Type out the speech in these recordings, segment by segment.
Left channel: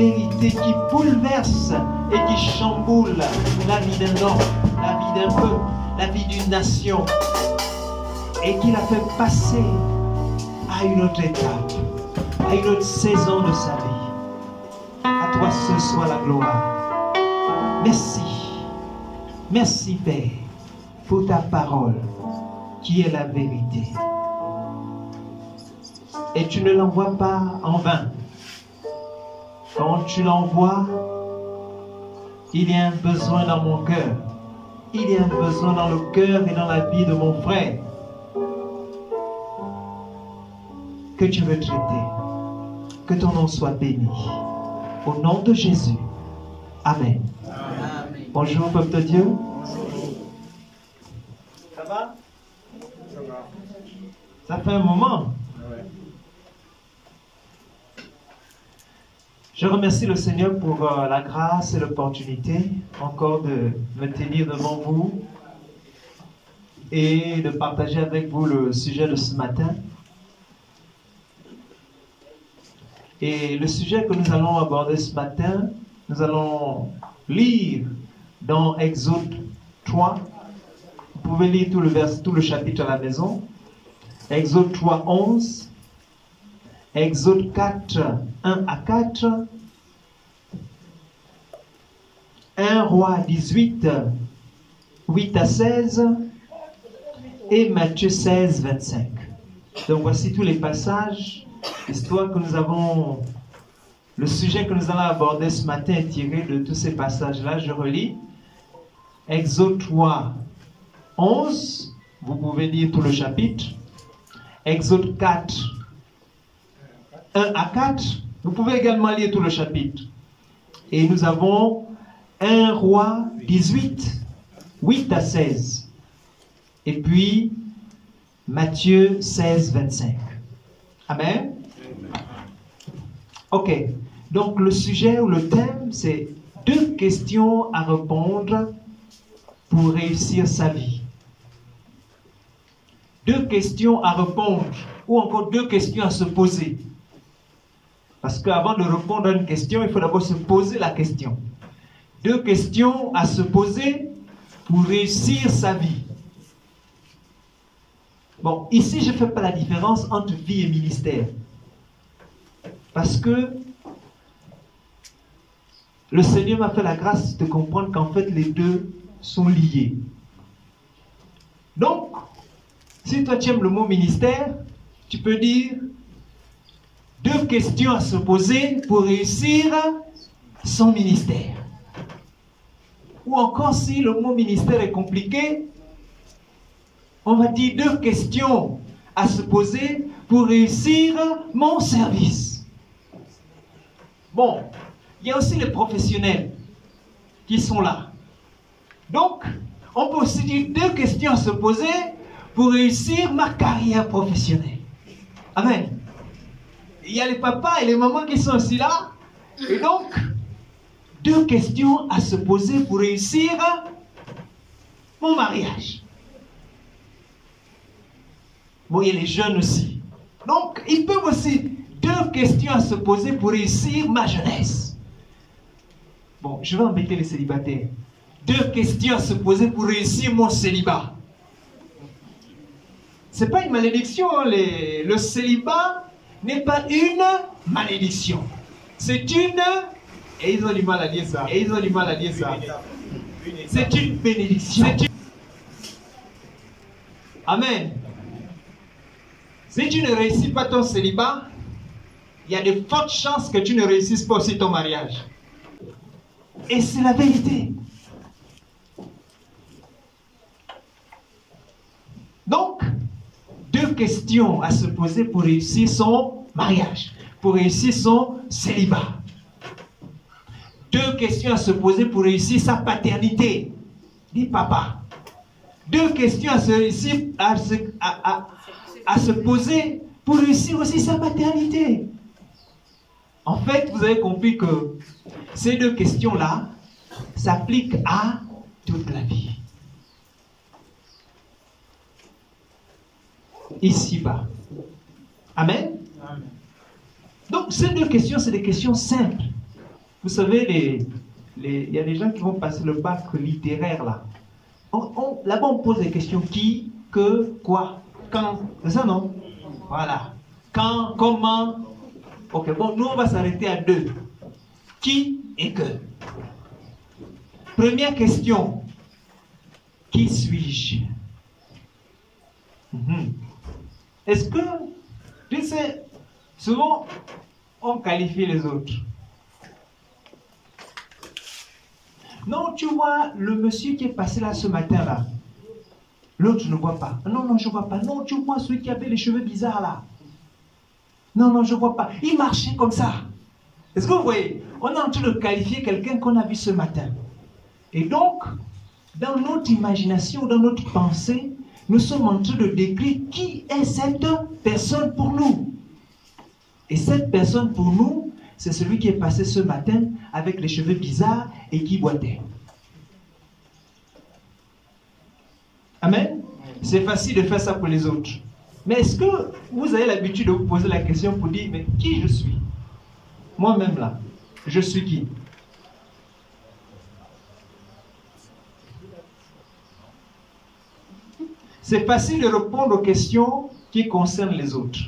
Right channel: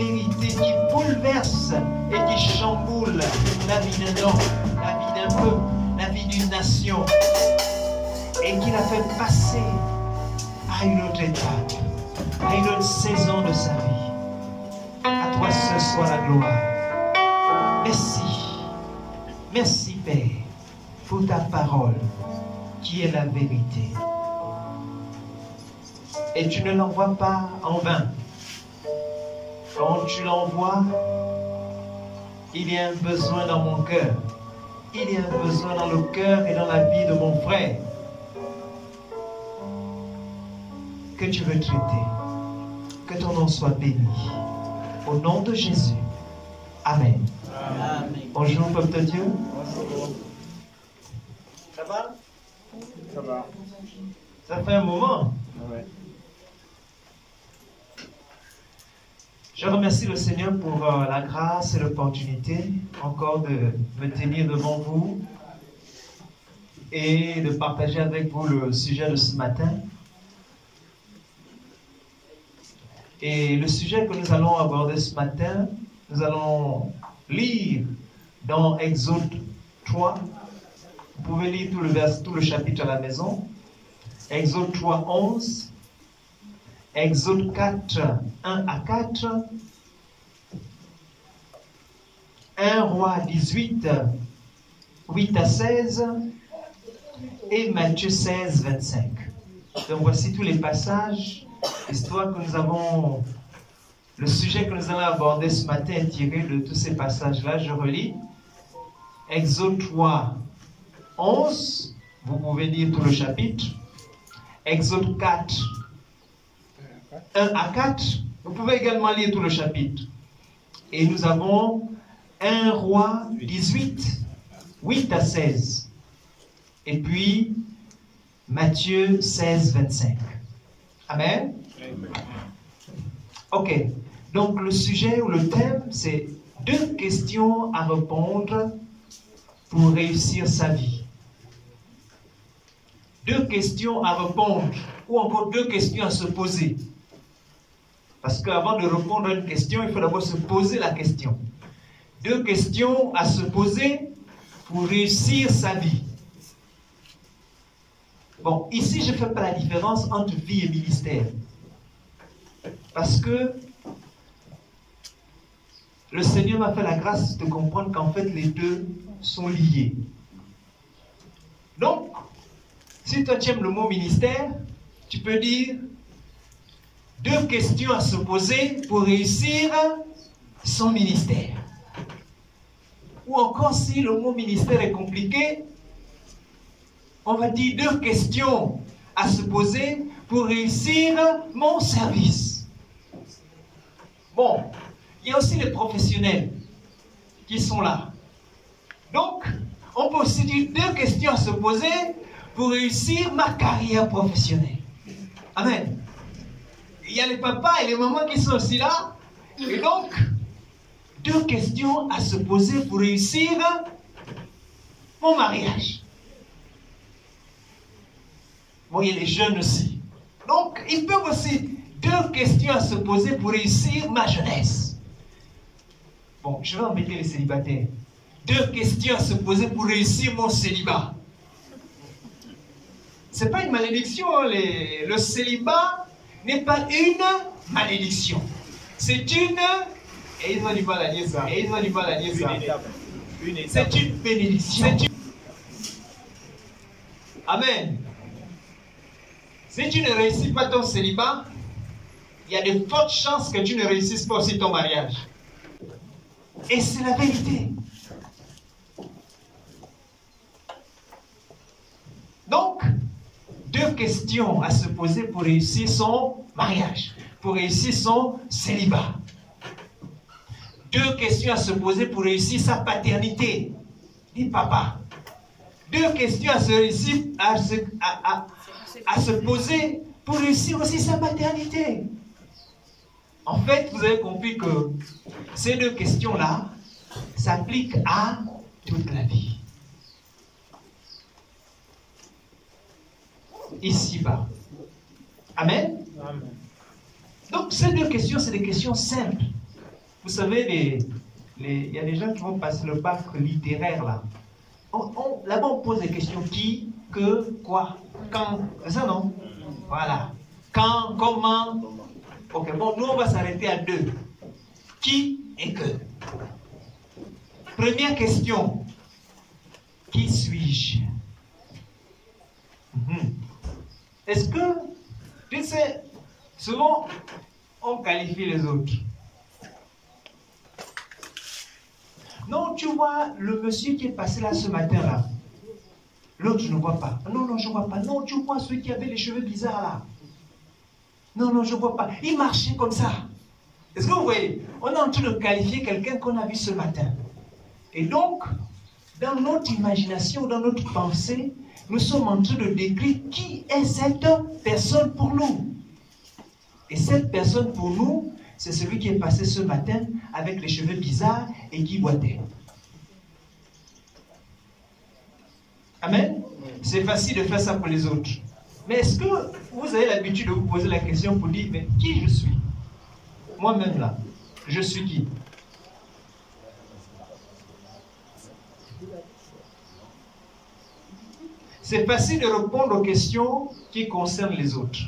vérité qui bouleverse et qui chamboule la vie d'un homme, la vie d'un peuple, la vie d'une nation, et qui l'a fait passer à une autre étape, à une autre saison de sa vie. À toi ce soit la gloire. Merci. Merci Père pour ta parole qui est la vérité. Et tu ne l'envoies pas en vain. Quand tu l'envoies, il y a un besoin dans mon cœur. Il y a un besoin dans le cœur et dans la vie de mon frère que tu veux traiter. Que ton nom soit béni. Au nom de Jésus. Amen. Amen. Bonjour, peuple de Dieu. Bonjour. Ça va? Ça va. Ça fait un moment. Ouais. Je remercie le Seigneur pour la grâce et l'opportunité encore de me tenir devant vous et de partager avec vous le sujet de ce matin. Et le sujet que nous allons aborder ce matin, nous allons lire dans Exode 3. Vous pouvez lire tout le chapitre à la maison. Exode 3, 11. Exode 4, 1 à 4. 1 Roi 18, 8 à 16. Et Matthieu 16, 25. Donc voici tous les passages. L'histoire que nous avons, le sujet que nous allons aborder ce matin est tiré de tous ces passages-là. Je relis. Exode 3, 11. Vous pouvez lire tout le chapitre. Exode 4, 1 à 4. Vous pouvez également lire tout le chapitre. Et nous avons 1 Roi 18, 8 à 16. Et puis Matthieu 16, 25. Amen. Ok. Donc le sujet ou le thème, c'est 2 questions à répondre pour réussir sa vie. 2 questions à répondre ou encore 2 questions à se poser. Parce qu'avant de répondre à une question, il faut d'abord se poser la question. 2 questions à se poser pour réussir sa vie. Bon, ici, je ne fais pas la différence entre vie et ministère. Parce que le Seigneur m'a fait la grâce de comprendre qu'en fait, les 2 sont liés. Donc, si toi tu aimes le mot ministère, tu peux dire 2 questions à se poser pour réussir son ministère. Ou encore, si le mot ministère est compliqué, on va dire 2 questions à se poser pour réussir mon service. Bon, il y a aussi les professionnels qui sont là. Donc, on peut aussi dire 2 questions à se poser pour réussir ma carrière professionnelle. Amen. Il y a les papas et les mamans qui sont aussi là. Et donc, 2 questions à se poser pour réussir mon mariage. Bon, il y a les jeunes aussi. Donc, ils peuvent aussi 2 questions à se poser pour réussir ma jeunesse. Bon, je vais embêter les célibataires. 2 questions à se poser pour réussir mon célibat. Ce n'est pas une malédiction. Hein, le célibat n'est pas une malédiction. C'est une... Et ils ont du mal à dire ça. Et ils ont du mal à dire ça. C'est une bénédiction. Amen. Si tu ne réussis pas ton célibat, il y a de fortes chances que tu ne réussisses pas aussi ton mariage. Et c'est la vérité. Donc, 2 questions à se poser pour réussir son mariage, pour réussir son célibat. 2 questions à se poser pour réussir sa paternité. Dis papa. 2 questions à se poser pour réussir aussi sa maternité. En fait, vous avez compris que ces 2 questions-là s'appliquent à toute la vie. Ici-bas. Amen. Amen. Donc, ces 2 questions, c'est des questions simples. Vous savez, il y a des gens qui vont passer le bac littéraire là. Là-bas, on pose des questions. Qui, que, quoi, quand. C'est ça, non? Voilà. Quand, comment. Ok, bon, nous, on va s'arrêter à 2. Qui et que. Première question. Qui suis-je? Est-ce que, tu sais, souvent, on qualifie les autres. Non, tu vois, le monsieur qui est passé là ce matin-là, l'autre, je ne vois pas. Non, non, je ne vois pas. Non, tu vois celui qui avait les cheveux bizarres là. Non, non, je ne vois pas. Il marchait comme ça. Est-ce que vous voyez? On est en train de qualifier quelqu'un qu'on a vu ce matin. Et donc, dans notre imagination, dans notre pensée, nous sommes en train de décrire qui est cette personne pour nous. Et cette personne pour nous, c'est celui qui est passé ce matin avec les cheveux bizarres et qui boitait. Amen. C'est facile de faire ça pour les autres. Mais est-ce que vous avez l'habitude de vous poser la question pour dire, mais qui je suis? Moi-même là, je suis qui? C'est facile de répondre aux questions qui concernent les autres.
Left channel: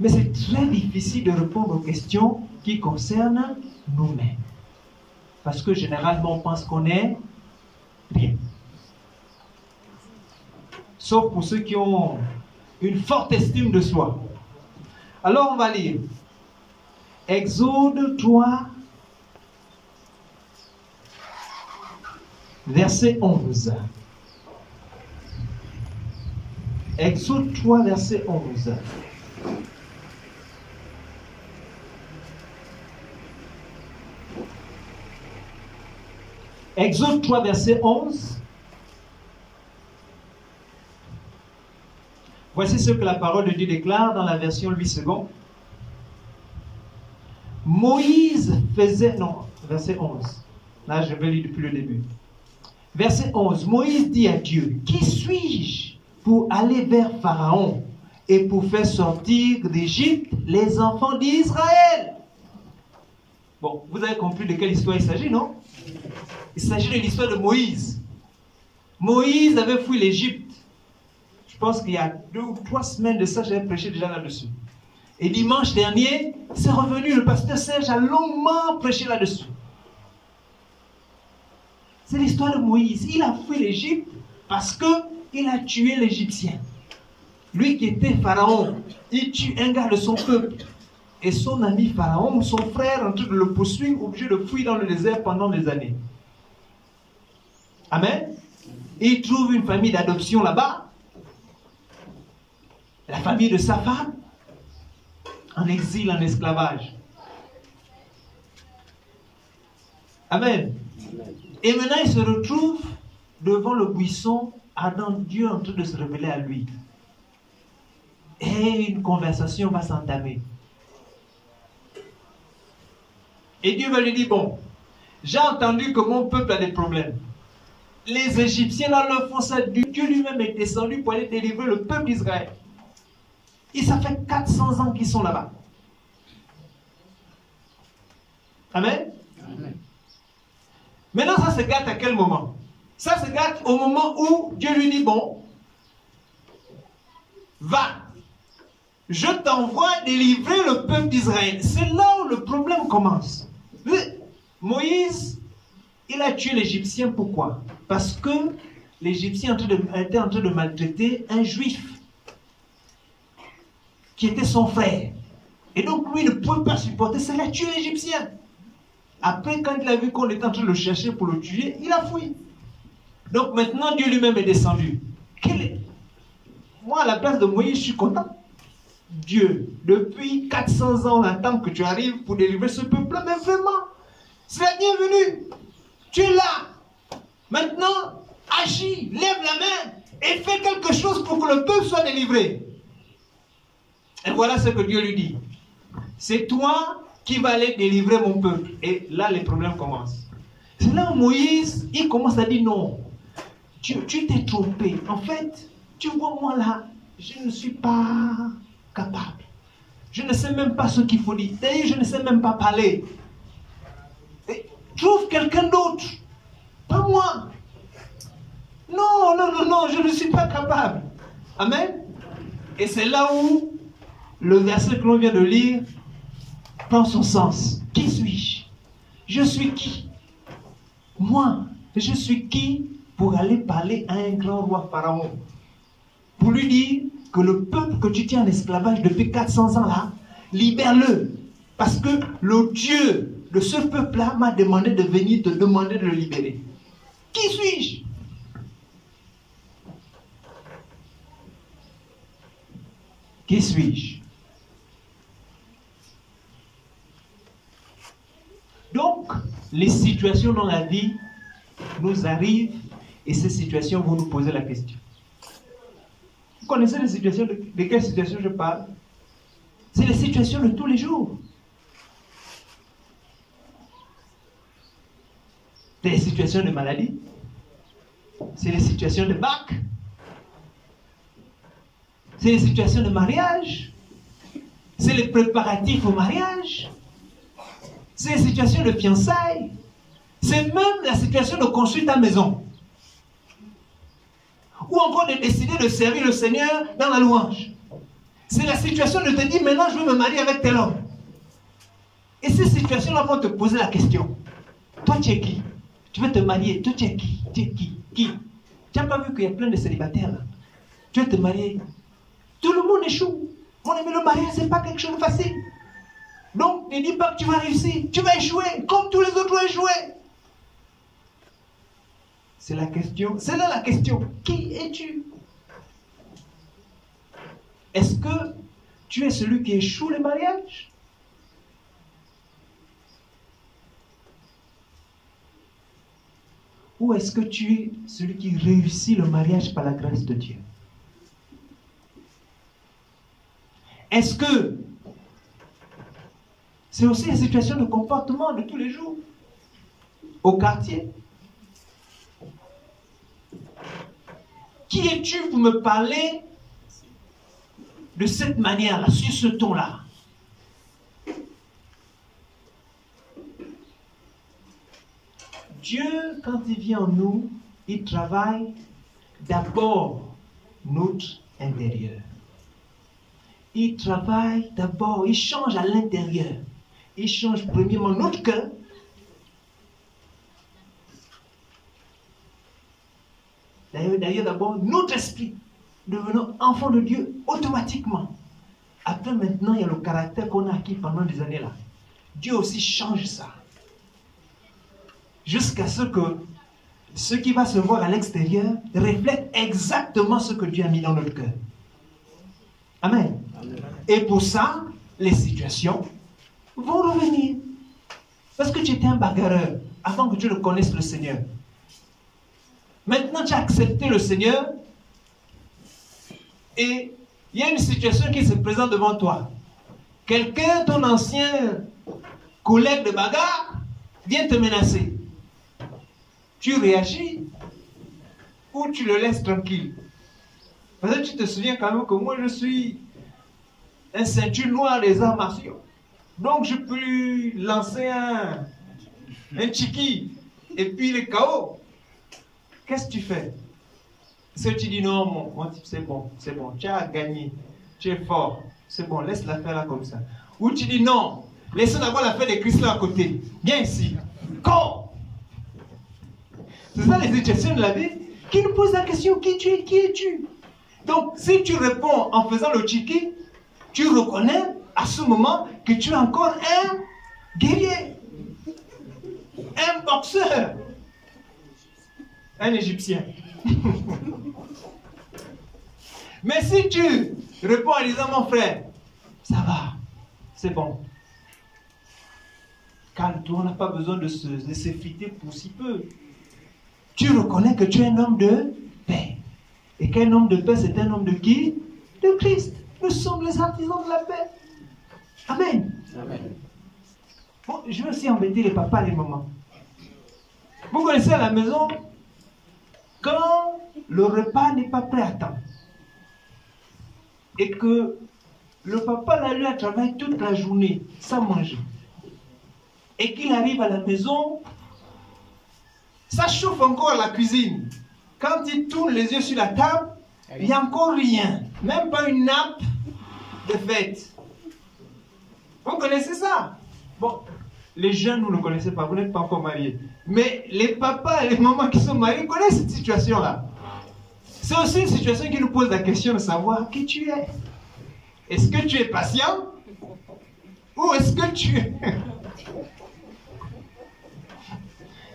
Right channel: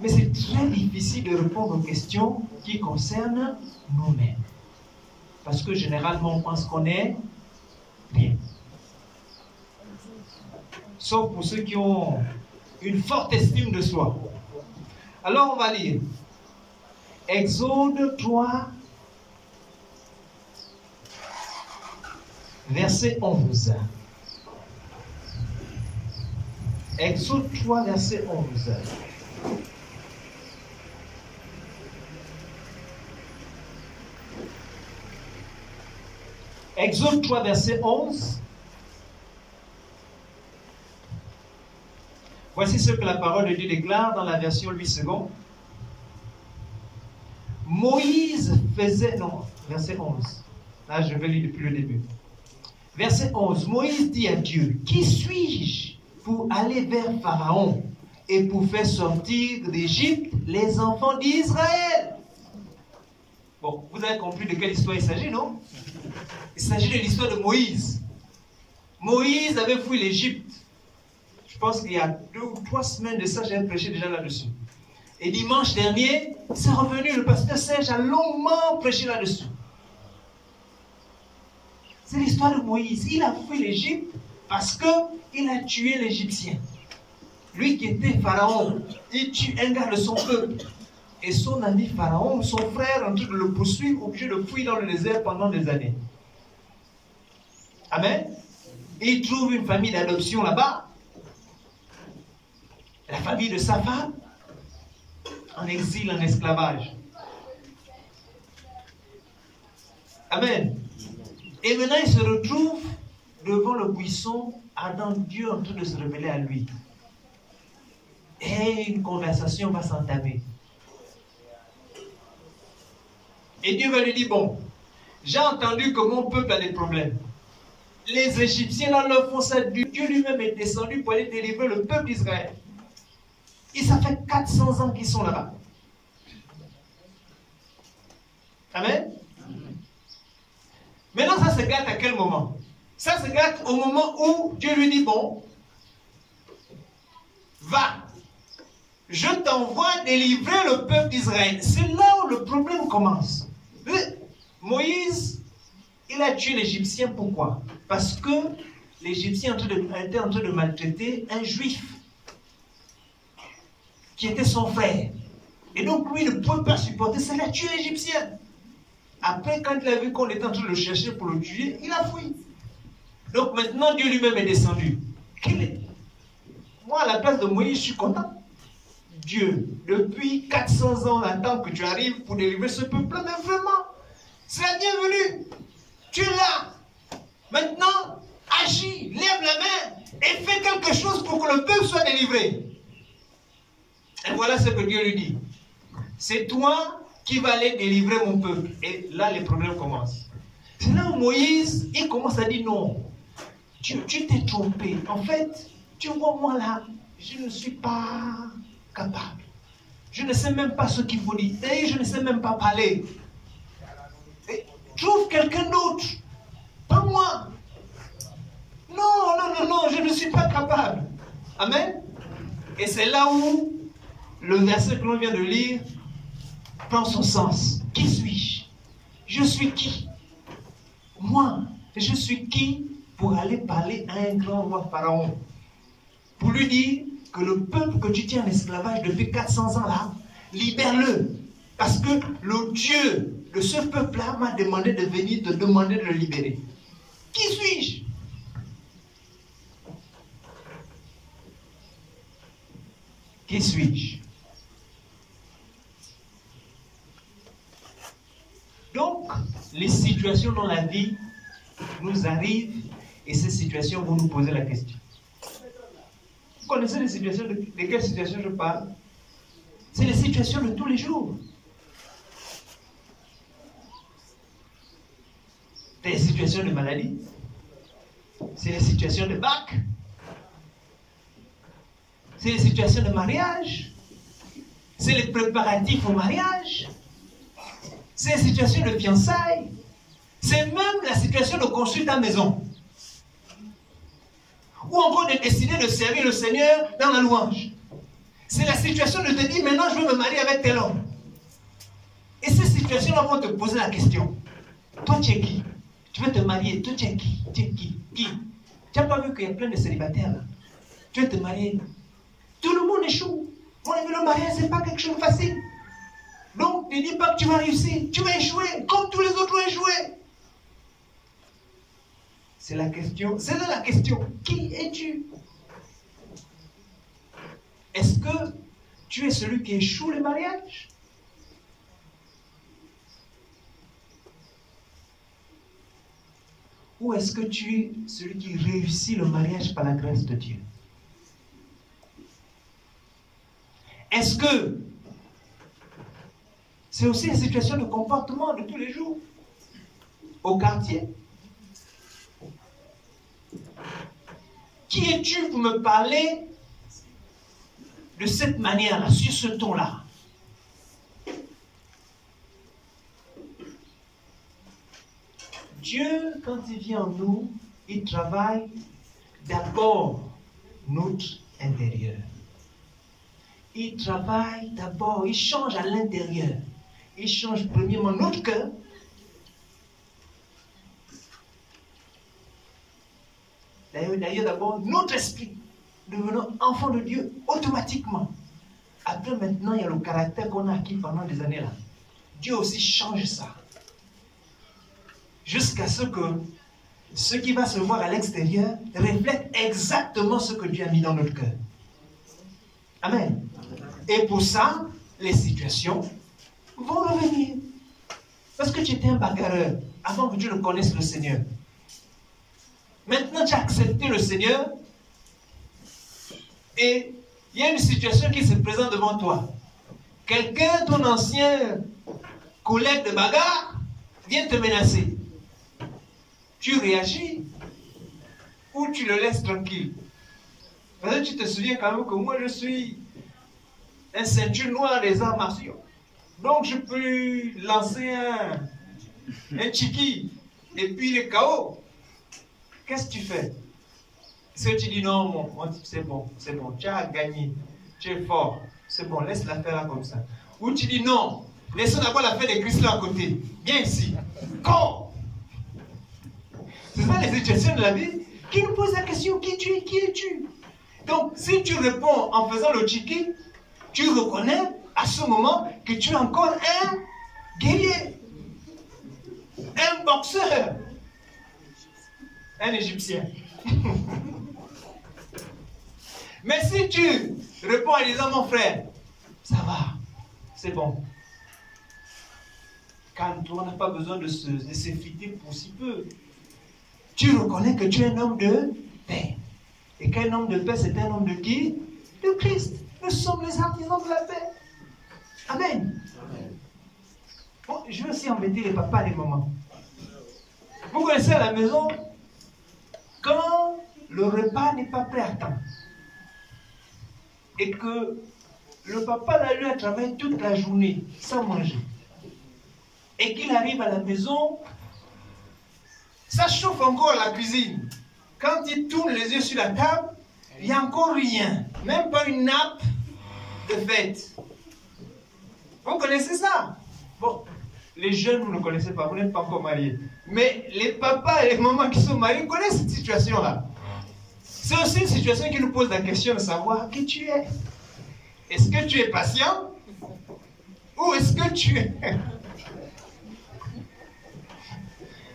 Mais c'est très difficile de répondre aux questions qui concernent nous-mêmes. Parce que généralement, on pense qu'on est rien. Sauf pour ceux qui ont une forte estime de soi. Alors on va lire Exode 3, verset 11. Exode 3, verset 11. Exode 3, verset 11. Voici ce que la parole de Dieu déclare dans la version 8 secondes. Moïse faisait... Non, verset 11. Là, je vais lire depuis le début. Verset 11. Moïse dit à Dieu, qui suis-je pour aller vers Pharaon et pour faire sortir d'Égypte les enfants d'Israël? Bon, vous avez compris de quelle histoire il s'agit, non? Il s'agit de l'histoire de Moïse. Moïse avait fui l'Égypte. Je pense qu'il y a 2 ou 3 semaines de ça, j'avais prêché déjà là-dessus. Et dimanche dernier, c'est revenu, le pasteur Serge a longuement prêché là-dessus. C'est l'histoire de Moïse. Il a fui l'Égypte parce qu'il a tué l'Égyptien. Lui qui était Pharaon, il tue un gars de son peuple. Et son ami Pharaon, son frère, en train de le poursuivre, obligé de fuir dans le désert pendant des années. Amen. Il trouve une famille d'adoption là-bas. La famille de sa femme, en exil, en esclavage. Amen. Et maintenant, il se retrouve devant le buisson, ardent Dieu en train de se révéler à lui. Et une conversation va s'entamer. Et Dieu va lui dire, bon, j'ai entendu que mon peuple a des problèmes. Les Égyptiens, là, leur font ça. Dieu lui-même est descendu pour aller délivrer le peuple d'Israël. Et ça fait 400 ans qu'ils sont là-bas. Amen. Amen. Maintenant, ça se gâte à quel moment? Ça se gâte au moment où Dieu lui dit, bon, va, je t'envoie délivrer le peuple d'Israël. C'est là où le problème commence. Moïse, il a tué l'Égyptien, pourquoi? Parce que l'Égyptien était en train de maltraiter un juif qui était son frère. Et donc lui ne pouvait pas supporter, ça l'a tué l'Égyptien. Après, quand il a vu qu'on était en train de le chercher pour le tuer, il a fui. Donc maintenant, Dieu lui-même est descendu. Moi, à la place de Moïse, je suis content. Dieu, depuis 400 ans, on attend que tu arrives pour délivrer ce peuple-là, mais vraiment, c'est la bienvenue. Tu es là. Maintenant, agis, lève la main et fais quelque chose pour que le peuple soit délivré. Et voilà ce que Dieu lui dit. C'est toi qui vas aller délivrer mon peuple. Et là, les problèmes commencent. C'est là où Moïse, il commence à dire non. Tu t'es trompé. En fait, tu vois, moi là, je ne suis pas capable. Je ne sais même pas ce qu'il faut dire. Et je ne sais même pas parler. Trouve quelqu'un d'autre. Pas moi. Non, non, non, non, je ne suis pas capable. Amen. Et c'est là où le verset que l'on vient de lire prend son sens. Qui suis-je? Je suis qui? Moi, je suis qui pour aller parler à un grand roi Pharaon? Pour lui dire que le peuple que tu tiens en esclavage depuis 400 ans là, libère-le. Parce que le Dieu de ce peuple-là m'a demandé de venir te demander de le libérer. Qui suis-je? Qui suis-je? Donc, les situations dans la vie nous arrivent et ces situations vont nous poser la question. Vous connaissez les situations, de quelles situations je parle? C'est les situations de tous les jours. C'est les situations de maladie. C'est les situations de bac. C'est les situations de mariage. C'est les préparatifs au mariage. C'est les situations de fiançailles. C'est même la situation de construire ta maison. Ou encore de décider de servir le Seigneur dans la louange. C'est la situation de te dire, maintenant je veux me marier avec tel homme. Et ces situations-là vont te poser la question. Toi, tu es qui? Tu veux te marier. Toi, tu es qui? Tu es qui? Qui? Tu n'as pas vu qu'il y a plein de célibataires là? Tu veux te marier. Tout le monde échoue. Mon ami, le mariage, ce n'est pas quelque chose de facile. Donc, ne dis pas que tu vas réussir. Tu vas échouer, comme tous les autres ont échoué. C'est la question. C'est là la question. Qui es-tu? Est-ce que tu es celui qui échoue le mariage? Ou est-ce que tu es celui qui réussit le mariage par la grâce de Dieu? Est-ce que c'est aussi une situation de comportement de tous les jours? Au quartier? Qui es-tu pour me parler de cette manière-là, sur ce ton-là? Dieu, quand il vient en nous, il travaille d'abord notre intérieur. Il travaille d'abord, il change à l'intérieur. Il change premièrement notre cœur. D'ailleurs, d'abord, notre esprit, devenant enfant de Dieu automatiquement. Après, maintenant, il y a le caractère qu'on a acquis pendant des années là. Dieu aussi change ça. Jusqu'à ce que ce qui va se voir à l'extérieur reflète exactement ce que Dieu a mis dans notre cœur. Amen. Et pour ça, les situations vont revenir. Parce que tu étais un bagarreur avant que tu ne connaisses le Seigneur. Maintenant, tu as accepté le Seigneur et il y a une situation qui se présente devant toi. Quelqu'un, ton ancien collègue de bagarre, vient te menacer. Tu réagis ou tu le laisses tranquille? Parce que tu te souviens quand même que moi je suis un ceinture noire des arts martiaux. Donc je peux lui lancer un chiki et puis il est KO. Qu'est-ce que tu fais? Est-ce que tu dis non, mon type, c'est bon, tu as gagné, tu es fort, c'est bon, laisse l'affaire là comme ça. Ou tu dis non, laissons d'abord l'affaire des cristaux à côté. Viens ici. Corps. C'est ça les situations de la vie qui nous posent la question, qui tu es, qui es-tu? Donc, si tu réponds en faisant le chiki, tu reconnais à ce moment que tu es encore un guerrier, un boxeur, un Égyptien. Mais si tu réponds en disant, mon frère, ça va, c'est bon. Calme-toi, on n'a pas besoin de s'effriter pour si peu. Tu reconnais que tu es un homme de paix. Et qu'un homme de paix, c'est un homme de qui? De Christ. Nous sommes les artisans de la paix. Amen. Amen. Bon, je vais aussi embêter les papas et les mamans. Vous connaissez à la maison, quand le repas n'est pas prêt à temps, et que le papa là, lui a travaillé toute la journée sans manger, et qu'il arrive à la maison, ça chauffe encore la cuisine. Quand il tourne les yeux sur la table, il n'y a encore rien. Même pas une nappe de fête. Vous connaissez ça? Bon, les jeunes, vous ne connaissez pas, vous n'êtes pas encore mariés. Mais les papas et les mamans qui sont mariés connaissent cette situation-là. C'est aussi une situation qui nous pose la question de savoir qui tu es. Est-ce que tu es patient? Ou est-ce que tu es...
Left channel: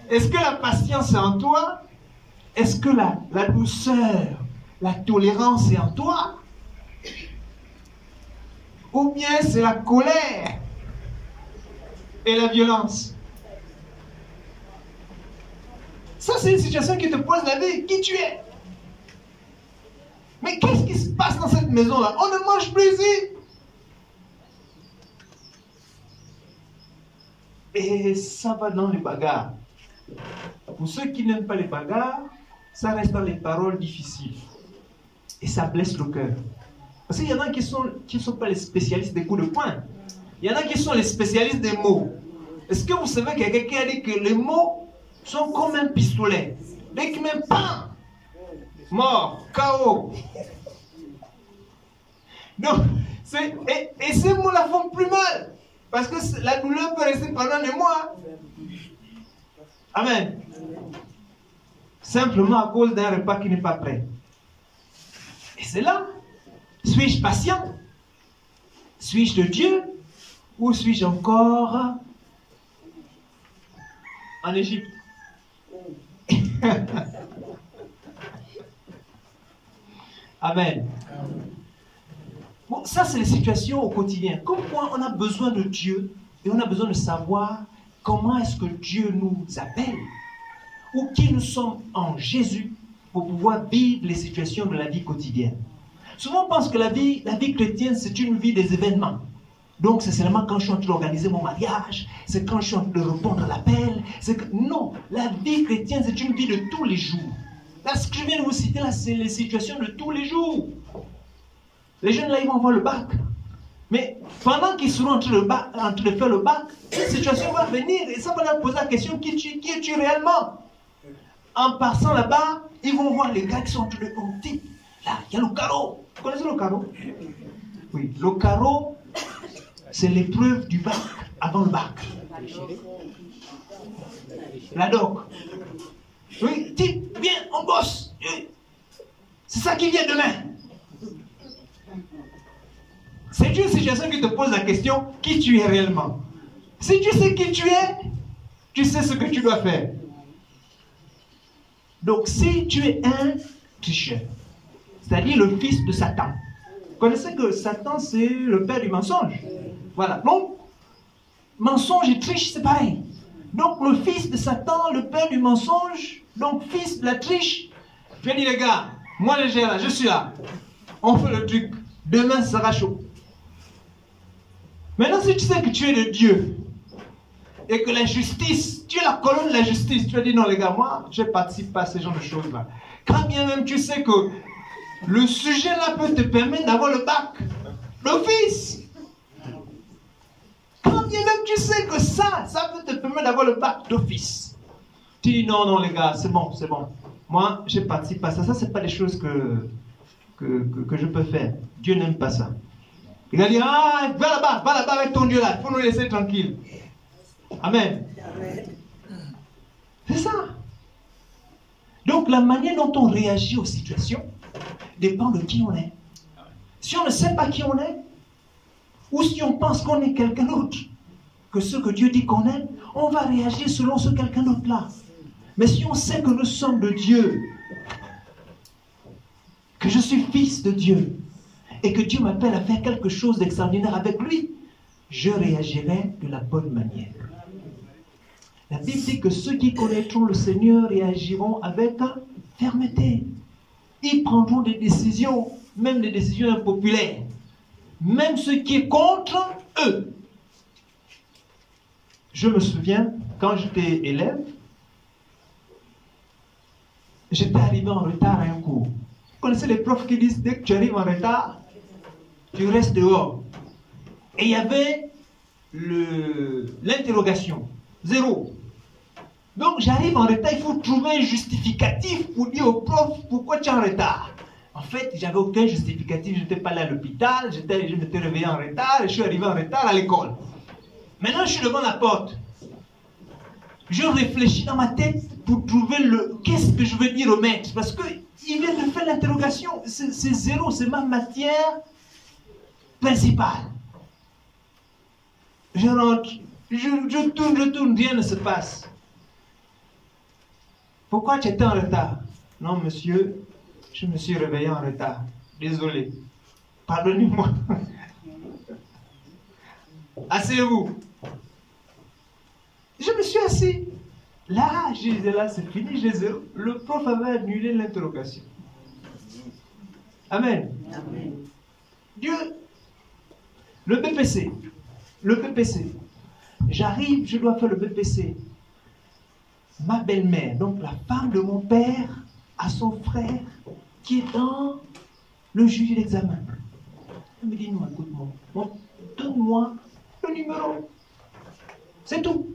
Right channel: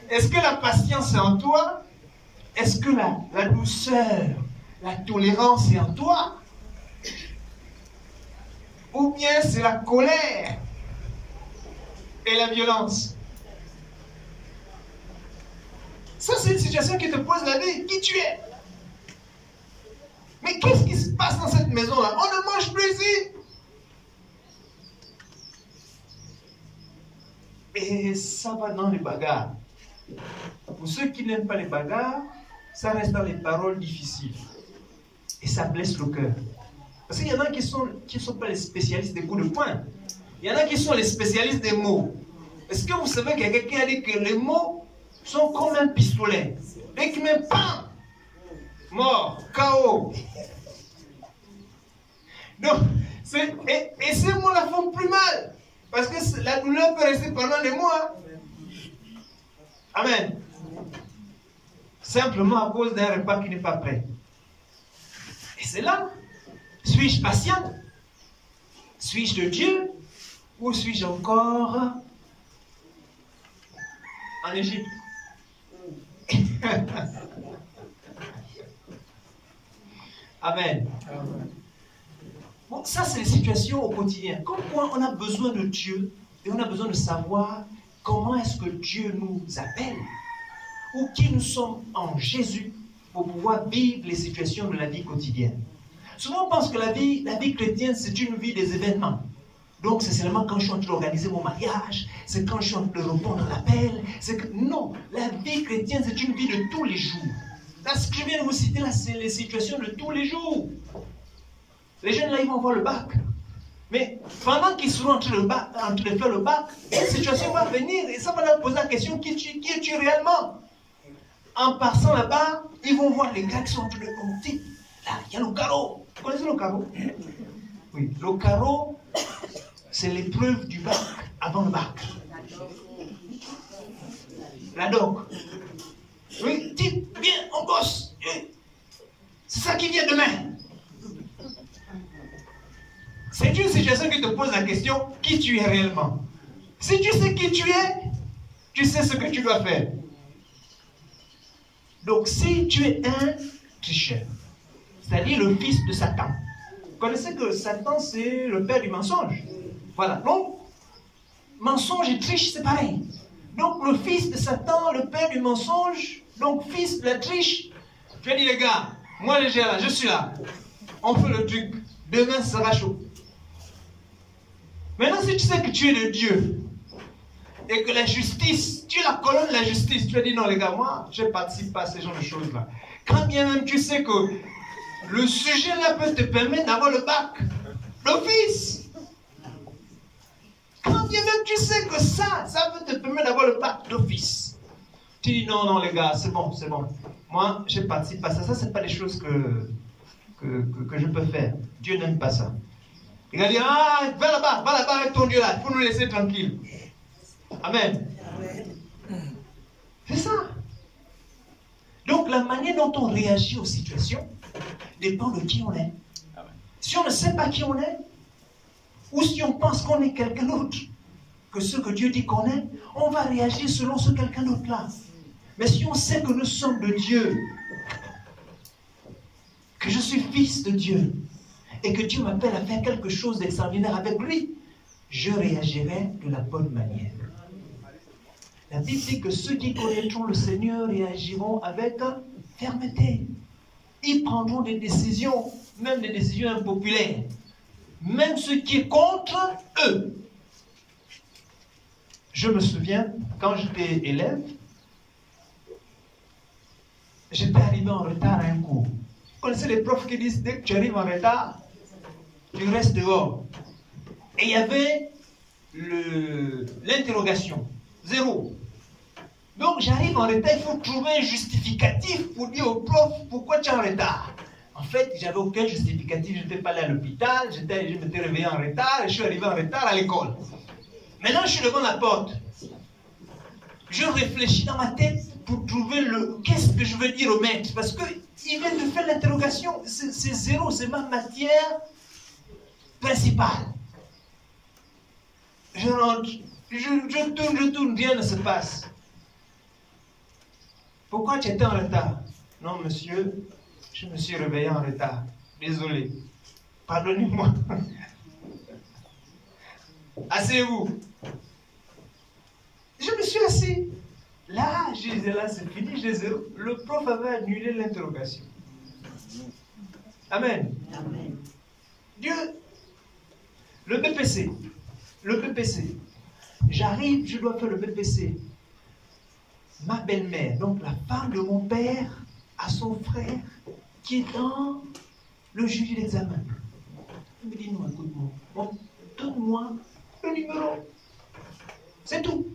Est-ce que la patience est en toi? Est-ce que la douceur, la tolérance est en toi? Ou bien c'est la colère et la violence? Ça, c'est une situation qui te pose la vie. Qui tu es? Mais qu'est-ce qui se passe dans cette maison-là? On ne mange plus ici. Et ça va dans les bagarres. Pour ceux qui n'aiment pas les bagarres, ça reste dans les paroles difficiles. Et ça blesse le cœur. Parce qu'il y en a qui ne sont pas les spécialistes des coups de poing. Il y en a qui sont les spécialistes des mots. Est-ce que vous savez qu'il y a quelqu'un qui a dit que les mots sont comme un pistolet? Dès qu'il met pan, mort, KO. Donc, et ces mots-là font plus mal. Parce que la douleur peut rester pendant des mois. Amen. Simplement à cause d'un repas qui n'est pas prêt. Et c'est là. Suis-je patient? Suis-je de Dieu? Ou suis-je encore en Égypte? Amen. Bon, ça c'est les situations au quotidien. Comme quoi on a besoin de Dieu et on a besoin de savoir comment est-ce que Dieu nous appelle ou qui nous sommes en Jésus pour pouvoir vivre les situations de la vie quotidienne. Souvent on pense que la vie chrétienne c'est une vie des événements. Donc c'est seulement quand je suis en train d'organiser mon mariage, c'est quand je suis en train de répondre à l'appel. Non, la vie chrétienne c'est une vie de tous les jours. Là, ce que je viens de vous citer là, c'est les situations de tous les jours. Les jeunes là, ils vont avoir le bac. Mais pendant qu'ils seront en train de faire le bac, cette situation va venir et ça va leur poser la question, qui es-tu réellement? En passant là-bas, ils vont voir les gars qui sont en train de monter. Là, il y a le carreau. Vous connaissez le carreau? Oui, le carreau, c'est l'épreuve du bac, avant le bac. La doc. Oui, dis, viens, on bosse. C'est ça qui vient demain. C'est une situation qui te pose la question, qui tu es réellement? Si tu sais qui tu es, tu sais ce que tu dois faire. Donc, si tu es un tricheur, c'est-à-dire le fils de Satan, vous connaissez que Satan, c'est le père du mensonge. Voilà. Donc, mensonge et triche, c'est pareil. Donc, le fils de Satan, le père du mensonge, donc fils de la triche, tu as dit, les gars, moi, je suis là. On fait le truc. Demain, ça sera chaud. Maintenant, si tu sais que tu es de Dieu et que la justice, tu es la colonne de la justice, tu as dit non les gars, moi je ne participe pas à ce genre de choses-là. Quand bien même tu sais que le sujet-là peut te permettre d'avoir le bac d'office. Quand bien même tu sais que ça peut te permettre d'avoir le bac d'office. Tu dis non les gars, c'est bon. Moi je ne participe pas à ça. Ça, ce n'est pas des choses que je peux faire. Dieu n'aime pas ça. Il va dire, va là-bas avec ton Dieu là, il faut nous laisser tranquille. Amen. C'est ça. Donc la manière dont on réagit aux situations dépend de qui on est. Si on ne sait pas qui on est, ou si on pense qu'on est quelqu'un d'autre que ce que Dieu dit qu'on est, on va réagir selon ce quelqu'un d'autre là. Mais si on sait que nous sommes de Dieu, que je suis fils de Dieu, et que Dieu m'appelle à faire quelque chose d'extraordinaire avec lui, je réagirai de la bonne manière. La Bible dit que ceux qui connaîtront le Seigneur réagiront avec fermeté. Ils prendront des décisions, même des décisions impopulaires. Même ce qui est contre eux. Je me souviens, quand j'étais élève, j'étais arrivé en retard à un cours. Vous connaissez les profs qui disent, dès que tu arrives en retard, tu restes dehors. Et il y avait l'interrogation. Zéro. Donc j'arrive en retard, il faut trouver un justificatif pour dire au prof pourquoi tu es en retard. En fait, j'avais aucun justificatif, je n'étais pas allé à l'hôpital, je m'étais réveillé en retard et je suis arrivé en retard à l'école. Maintenant, je suis devant la porte. Je réfléchis dans ma tête pour trouver qu'est-ce que je veux dire au maître. Parce qu'il vient de faire l'interrogation. C'est zéro, c'est ma matière principale. Je rentre, je tourne, rien ne se passe. Pourquoi tu étais en retard? Non, monsieur, je me suis réveillé en retard. Désolé. Pardonnez-moi. Asseyez-vous. Je me suis assis. Là, je disais, là, c'est fini. Le prof avait annulé l'interrogation. Amen. Amen. Dieu, le BPC. J'arrive, je dois faire le BPC. Ma belle-mère, donc la femme de mon père, a son frère qui est dans le jury d'examen. Elle me dit, non, écoute-moi, donne-moi le numéro. C'est tout.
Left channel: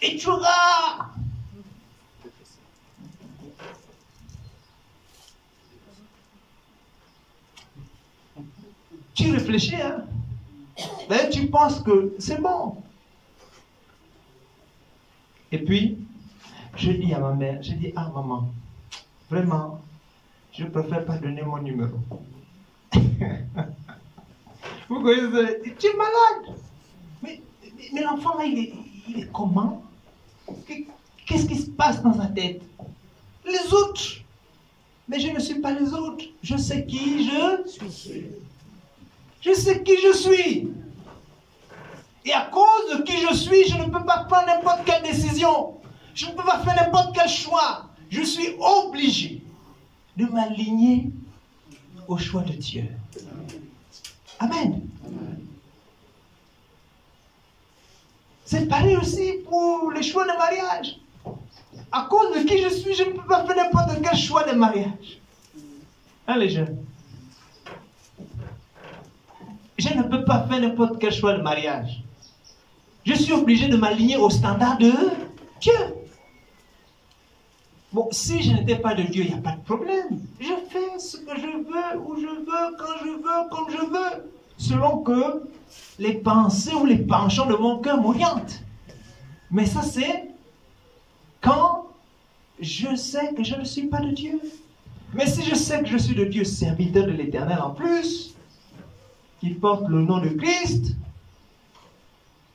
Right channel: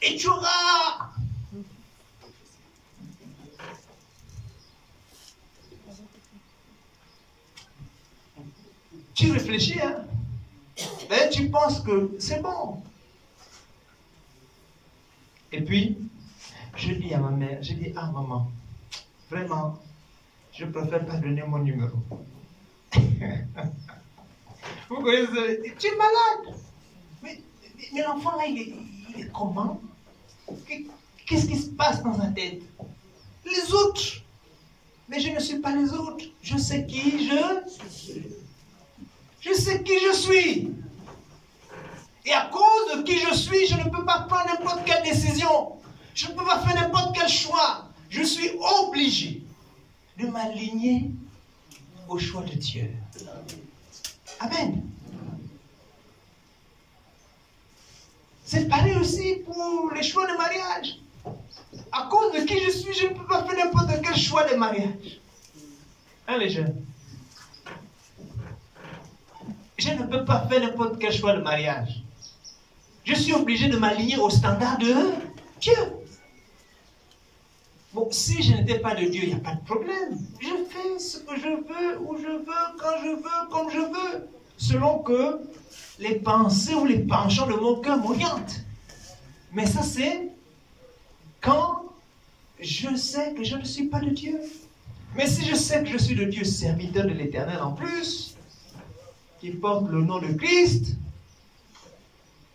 Et tu auras. Tu réfléchis, hein? D'ailleurs, tu penses que c'est bon. Et puis, je dis à ma mère, ah maman, vraiment, je préfère pas donner mon numéro. Vous connaissez, tu es malade. Mais l'enfant là, il est comment? Qu'est-ce qui se passe dans sa tête? Les autres. Mais je ne suis pas les autres. Je sais qui je suis. Je sais qui je suis. Et à cause de qui je suis, je ne peux pas prendre n'importe quelle décision. Je ne peux pas faire n'importe quel choix. Je suis obligé de m'aligner au choix de Dieu. Amen. C'est pareil aussi pour les choix de mariage. À cause de qui je suis, je ne peux pas faire n'importe quel choix de mariage. Hein, les jeunes? Je ne peux pas faire n'importe quel choix de mariage. Je suis obligé de m'aligner au standard de Dieu. Bon, si je n'étais pas de Dieu, il n'y a pas de problème. Je fais ce que je veux, où je veux, quand je veux, comme je veux. Selon que les pensées ou les penchants de mon cœur m'orientent. Mais ça, c'est quand je sais que je ne suis pas de Dieu. Mais si je sais que je suis de Dieu, serviteur de l'Éternel en plus, qui porte le nom de Christ,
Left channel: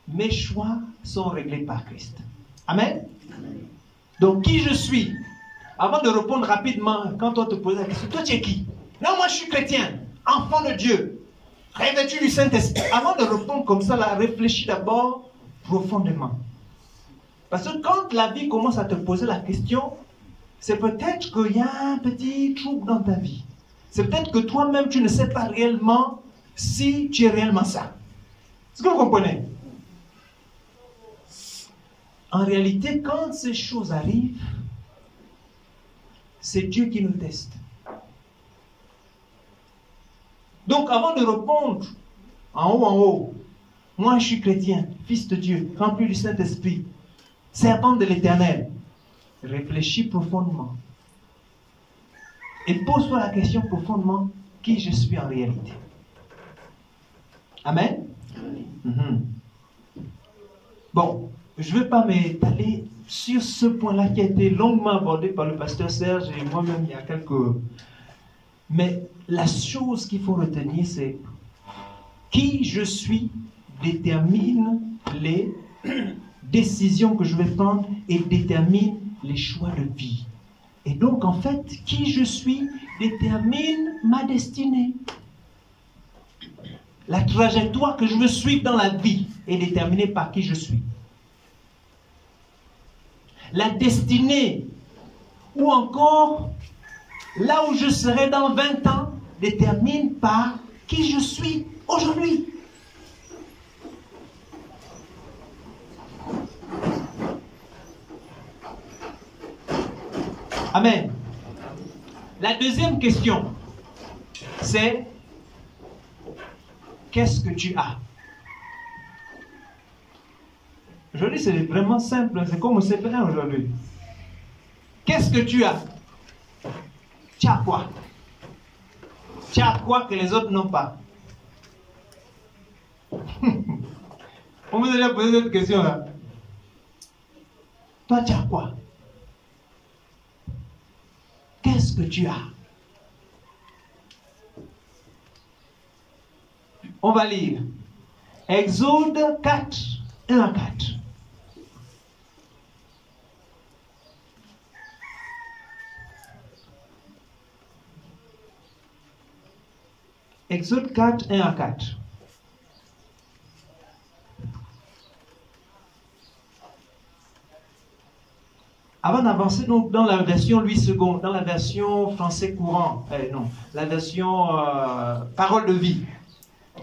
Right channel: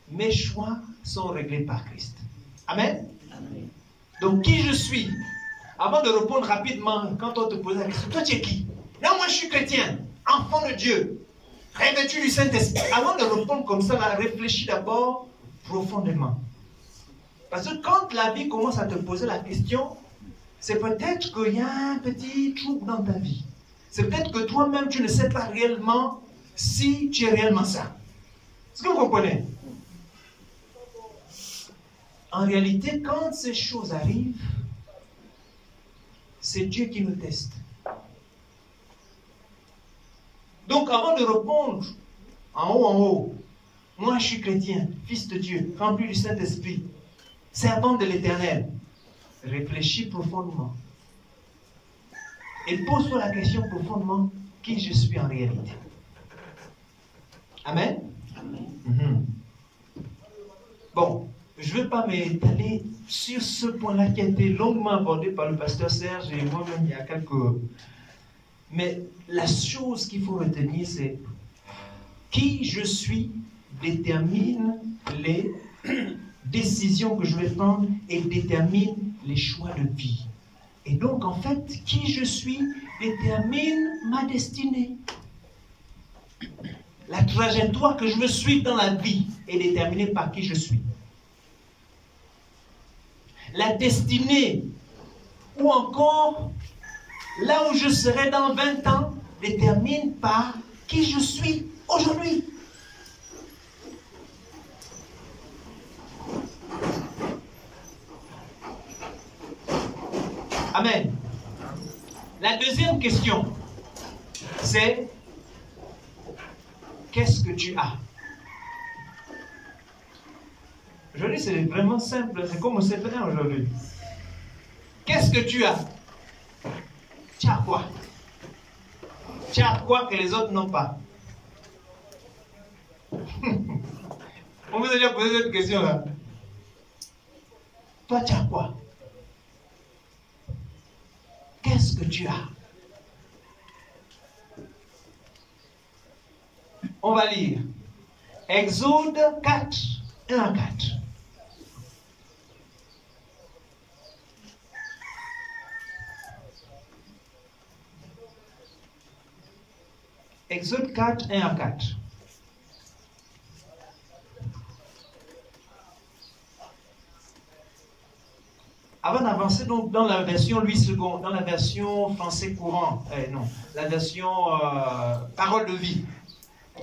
mes choix sont réglés par Christ. Amen. Amen. Donc, qui je suis? Avant de répondre rapidement, quand on te pose la question, toi tu es qui? Non, moi je suis chrétien, enfant de Dieu, revêtu du Saint-Esprit. Avant de répondre comme ça, là, réfléchis d'abord profondément. Parce que quand la vie commence à te poser la question, c'est peut-être qu'il y a un petit trouble dans ta vie. C'est peut-être que toi-même, tu ne sais pas réellement si tu es réellement ça. Est-ce que vous comprenez? En réalité, quand ces choses arrivent, c'est Dieu qui nous teste. Donc, avant de répondre en haut, moi je suis chrétien, fils de Dieu, rempli du Saint-Esprit, servant de l'Éternel, réfléchis profondément. Et pose-toi la question profondément, qui je suis en réalité. Amen. Amen. Bon, je ne vais pas m'étaler sur ce point-là qui a été longuement abordé par le pasteur Serge et moi-même il y a quelques... Mais la chose qu'il faut retenir, c'est qui je suis détermine les décisions que je vais prendre et détermine les choix de vie. Et donc, en fait, qui je suis détermine ma destinée. La trajectoire que je veux suivre dans la vie est déterminée par qui je suis. La destinée, ou encore là où je serai dans 20 ans, détermine par qui je suis aujourd'hui. Amen. La deuxième question, c'est qu'est-ce que tu as? Aujourd'hui, c'est vraiment simple. C'est comme au CP1 aujourd'hui. Qu'est-ce que tu as? Tu as quoi? Tu as quoi que les autres n'ont pas? On vous a déjà posé cette question-là. Toi, tu as quoi? Qu'est-ce que tu as? On va lire Exode 4, 1 à 4. Exode 4, 1 à 4. Avant d'avancer donc dans la version Louis II, dans la version français courant, la version parole de vie,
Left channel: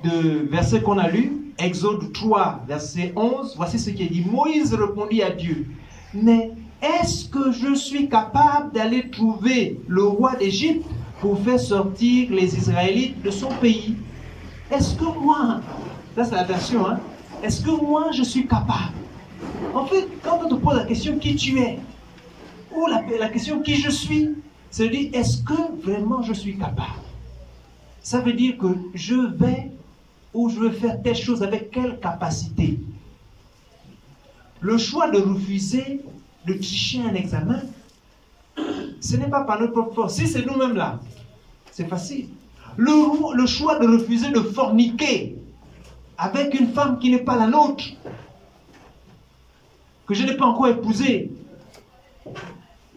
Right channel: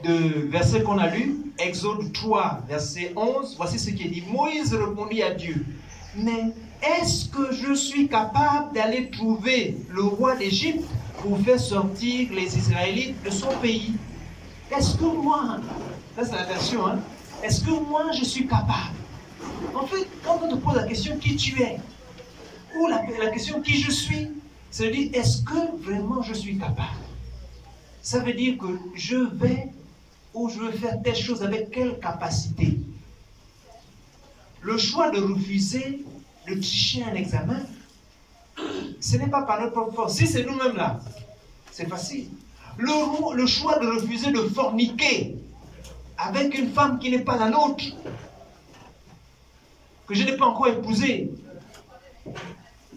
de verset qu'on a lu, Exode 3, verset 11, voici ce qui est dit. Moïse répondit à Dieu, mais est-ce que je suis capable d'aller trouver le roi d'Égypte pour faire sortir les Israélites de son pays? Est-ce que moi, ça c'est la version, hein, est-ce que moi je suis capable? En fait, quand on te pose la question qui tu es, ou la question qui je suis, ça veut dire est-ce que vraiment je suis capable? Ça veut dire que je vais ou je veux faire telle chose avec quelle capacité. Le choix de refuser de tricher un examen, ce n'est pas par notre propre force. Si c'est nous-mêmes là, c'est facile. Le choix de refuser de forniquer avec une femme qui n'est pas la nôtre, que je n'ai pas encore épousée,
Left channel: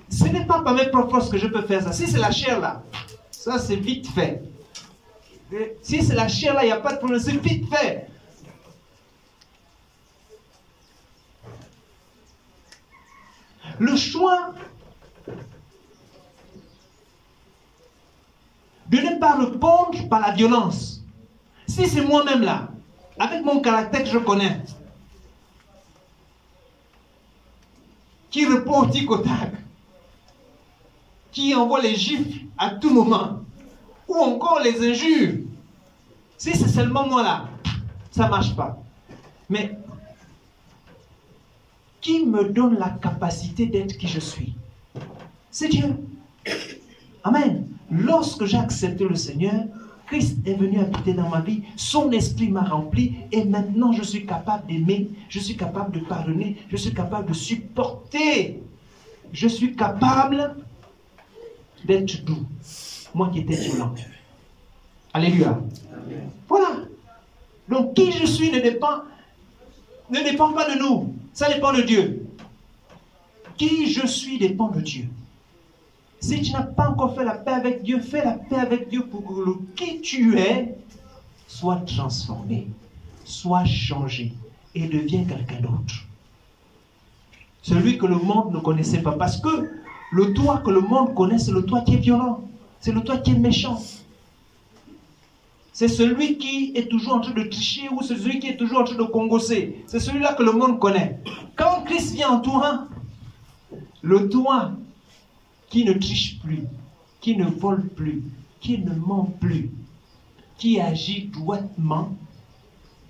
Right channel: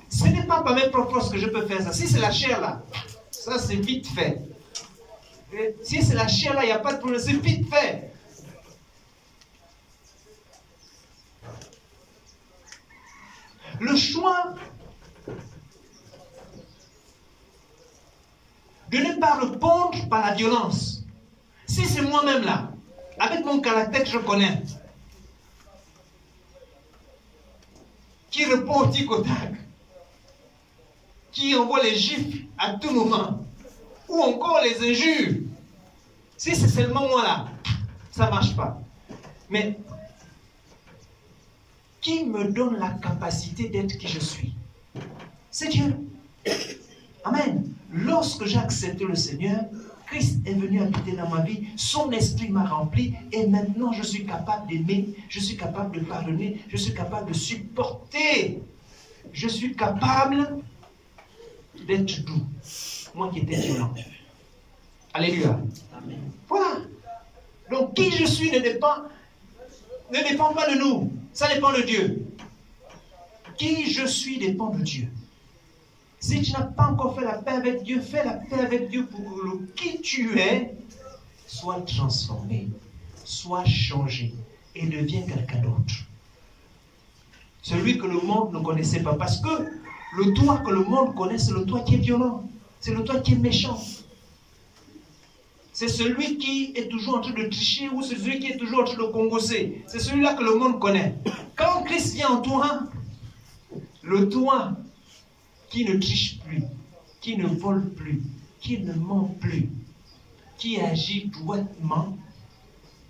ce n'est pas par mes propres forces que je peux faire ça. Si c'est la chair là, ça c'est vite fait. Si c'est la chair là, il n'y a pas de problème, c'est vite fait. Le choix de ne pas répondre par la violence. Si c'est moi-même là, avec mon caractère que je connais, qui répond au tic au tac, qui envoie les gifles à tout moment, ou encore les injures. Si c'est seulement moi là, ça ne marche pas. Mais qui me donne la capacité d'être qui je suis? C'est Dieu. Amen. Lorsque j'ai accepté le Seigneur, Christ est venu habiter dans ma vie, son esprit m'a rempli et maintenant je suis capable d'aimer, je suis capable de pardonner, je suis capable de supporter, je suis capable d'être doux. Moi qui étais violent. Alléluia. Amen. Voilà. Donc qui je suis ne dépend pas de nous. Ça dépend de Dieu. Qui je suis dépend de Dieu. Si tu n'as pas encore fait la paix avec Dieu, fais la paix avec Dieu pour que le qui tu es soit transformé, soit changé et devienne quelqu'un d'autre. Celui que le monde ne connaissait pas. Parce que le toi que le monde connaît, c'est le toi qui est violent. C'est le toi qui est méchant. C'est celui qui est toujours en train de tricher ou c'est celui qui est toujours en train de congosser. C'est celui-là que le monde connaît. Quand Christ vient en toi, le toi qui ne triche plus, qui ne vole plus, qui ne ment plus, qui agit droitement,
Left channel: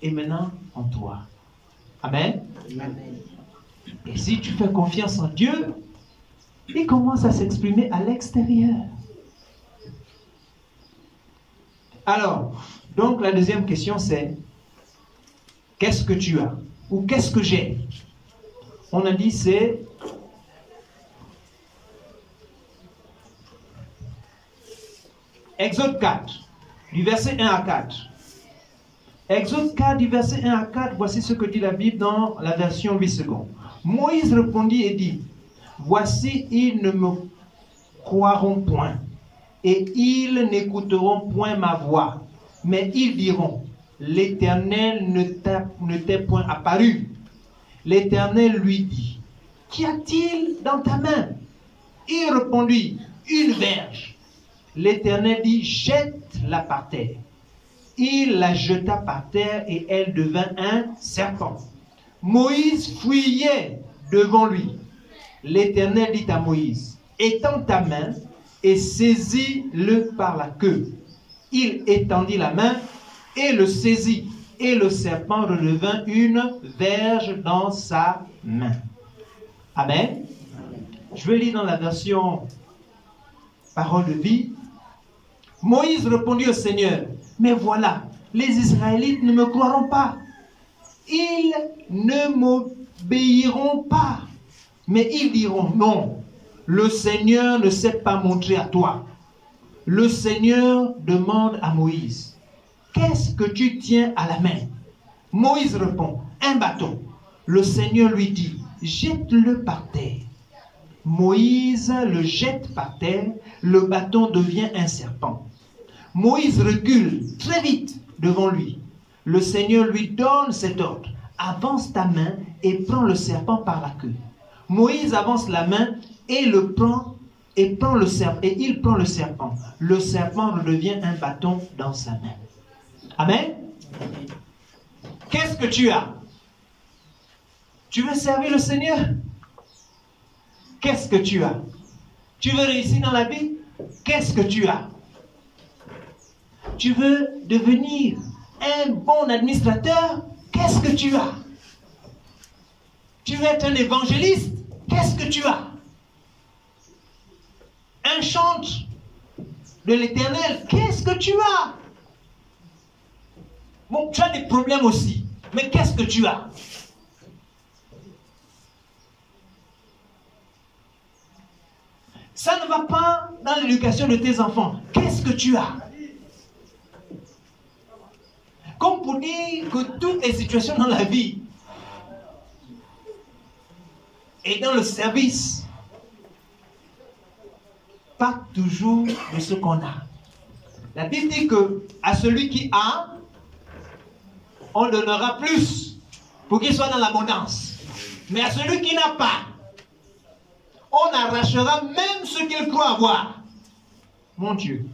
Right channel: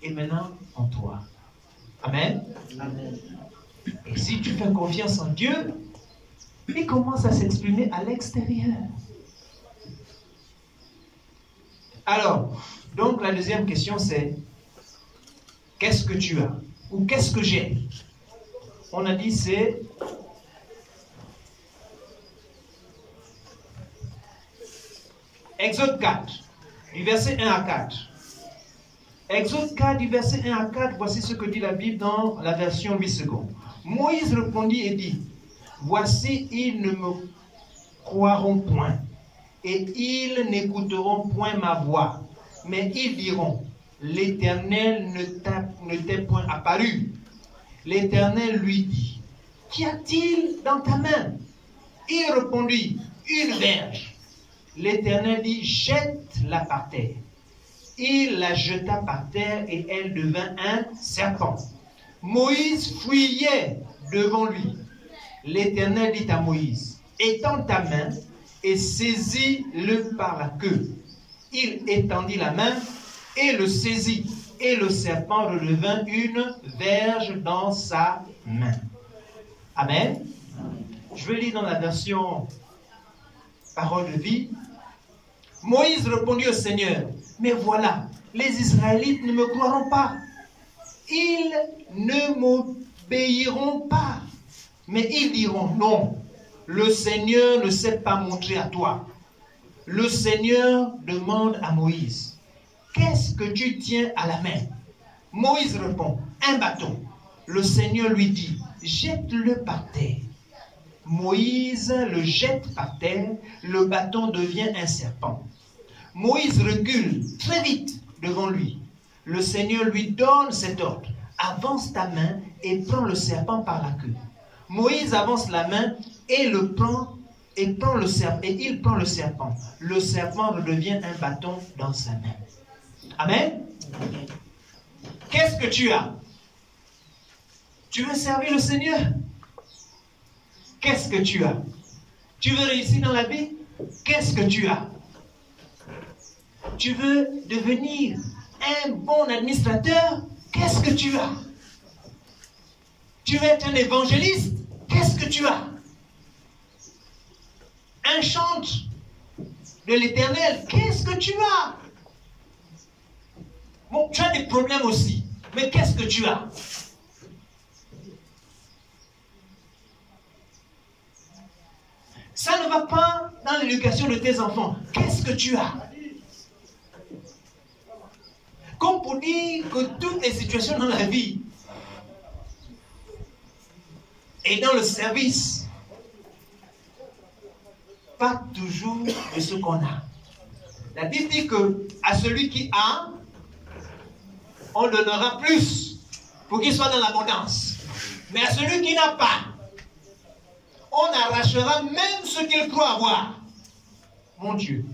est maintenant en toi. Amen. Amen. Et si tu fais confiance en Dieu, il commence à s'exprimer à l'extérieur. Alors, donc la deuxième question c'est, qu'est-ce que tu as? Ou qu'est-ce que j'ai? On a dit c'est Exode 4, du verset 1 à 4. Exode 4, du verset 1 à 4, voici ce que dit la Bible dans la version 8 secondes. Moïse répondit et dit, voici, ils ne me croiront point, et ils n'écouteront point ma voix, mais ils diront, l'Éternel ne t'est point apparu. L'Éternel lui dit, qu'y a-t-il dans ta main? Il répondit, une verge. L'Éternel dit, jette-la par terre. Il la jeta par terre et elle devint un serpent. Moïse fuyait devant lui. L'Éternel dit à Moïse, étends ta main et saisis-le par la queue. Il étendit la main et le saisit. et le serpent redevint une verge dans sa main. Amen. Je vais lire dans la version Parole de vie. Moïse répondit au Seigneur, mais voilà, les Israélites ne me croiront pas. Ils ne m'obéiront pas. Mais ils diront, non, le Seigneur ne s'est pas montré à toi. Le Seigneur demande à Moïse, qu'est-ce que tu tiens à la main? Moïse répond, un bâton. Le Seigneur lui dit, jette-le par terre. Moïse le jette par terre, le bâton devient un serpent. Moïse recule très vite devant lui. Le Seigneur lui donne cet ordre, avance ta main et prends le serpent par la queue. Moïse avance la main et il prend le serpent. Le serpent redevient un bâton dans sa main. Amen. Qu'est-ce que tu as? Tu veux servir le Seigneur? Qu'est-ce que tu as? Tu veux réussir dans la vie? Qu'est-ce que tu as? Tu veux devenir un bon administrateur? Qu'est-ce que tu as? Tu veux être un évangéliste? Qu'est-ce que tu as? Un chantre de l'Éternel? Qu'est-ce que tu as? Bon, tu as des problèmes aussi, mais qu'est-ce que tu as? Ça ne va pas dans l'éducation de tes enfants. Qu'est-ce que tu as? Comme pour dire que toutes les situations dans la vie et dans le service, pas toujours de ce qu'on a. La Bible dit que à celui qui a, on donnera plus pour qu'il soit dans l'abondance. Mais à celui qui n'a pas, on arrachera même ce qu'il croit avoir. Mon Dieu.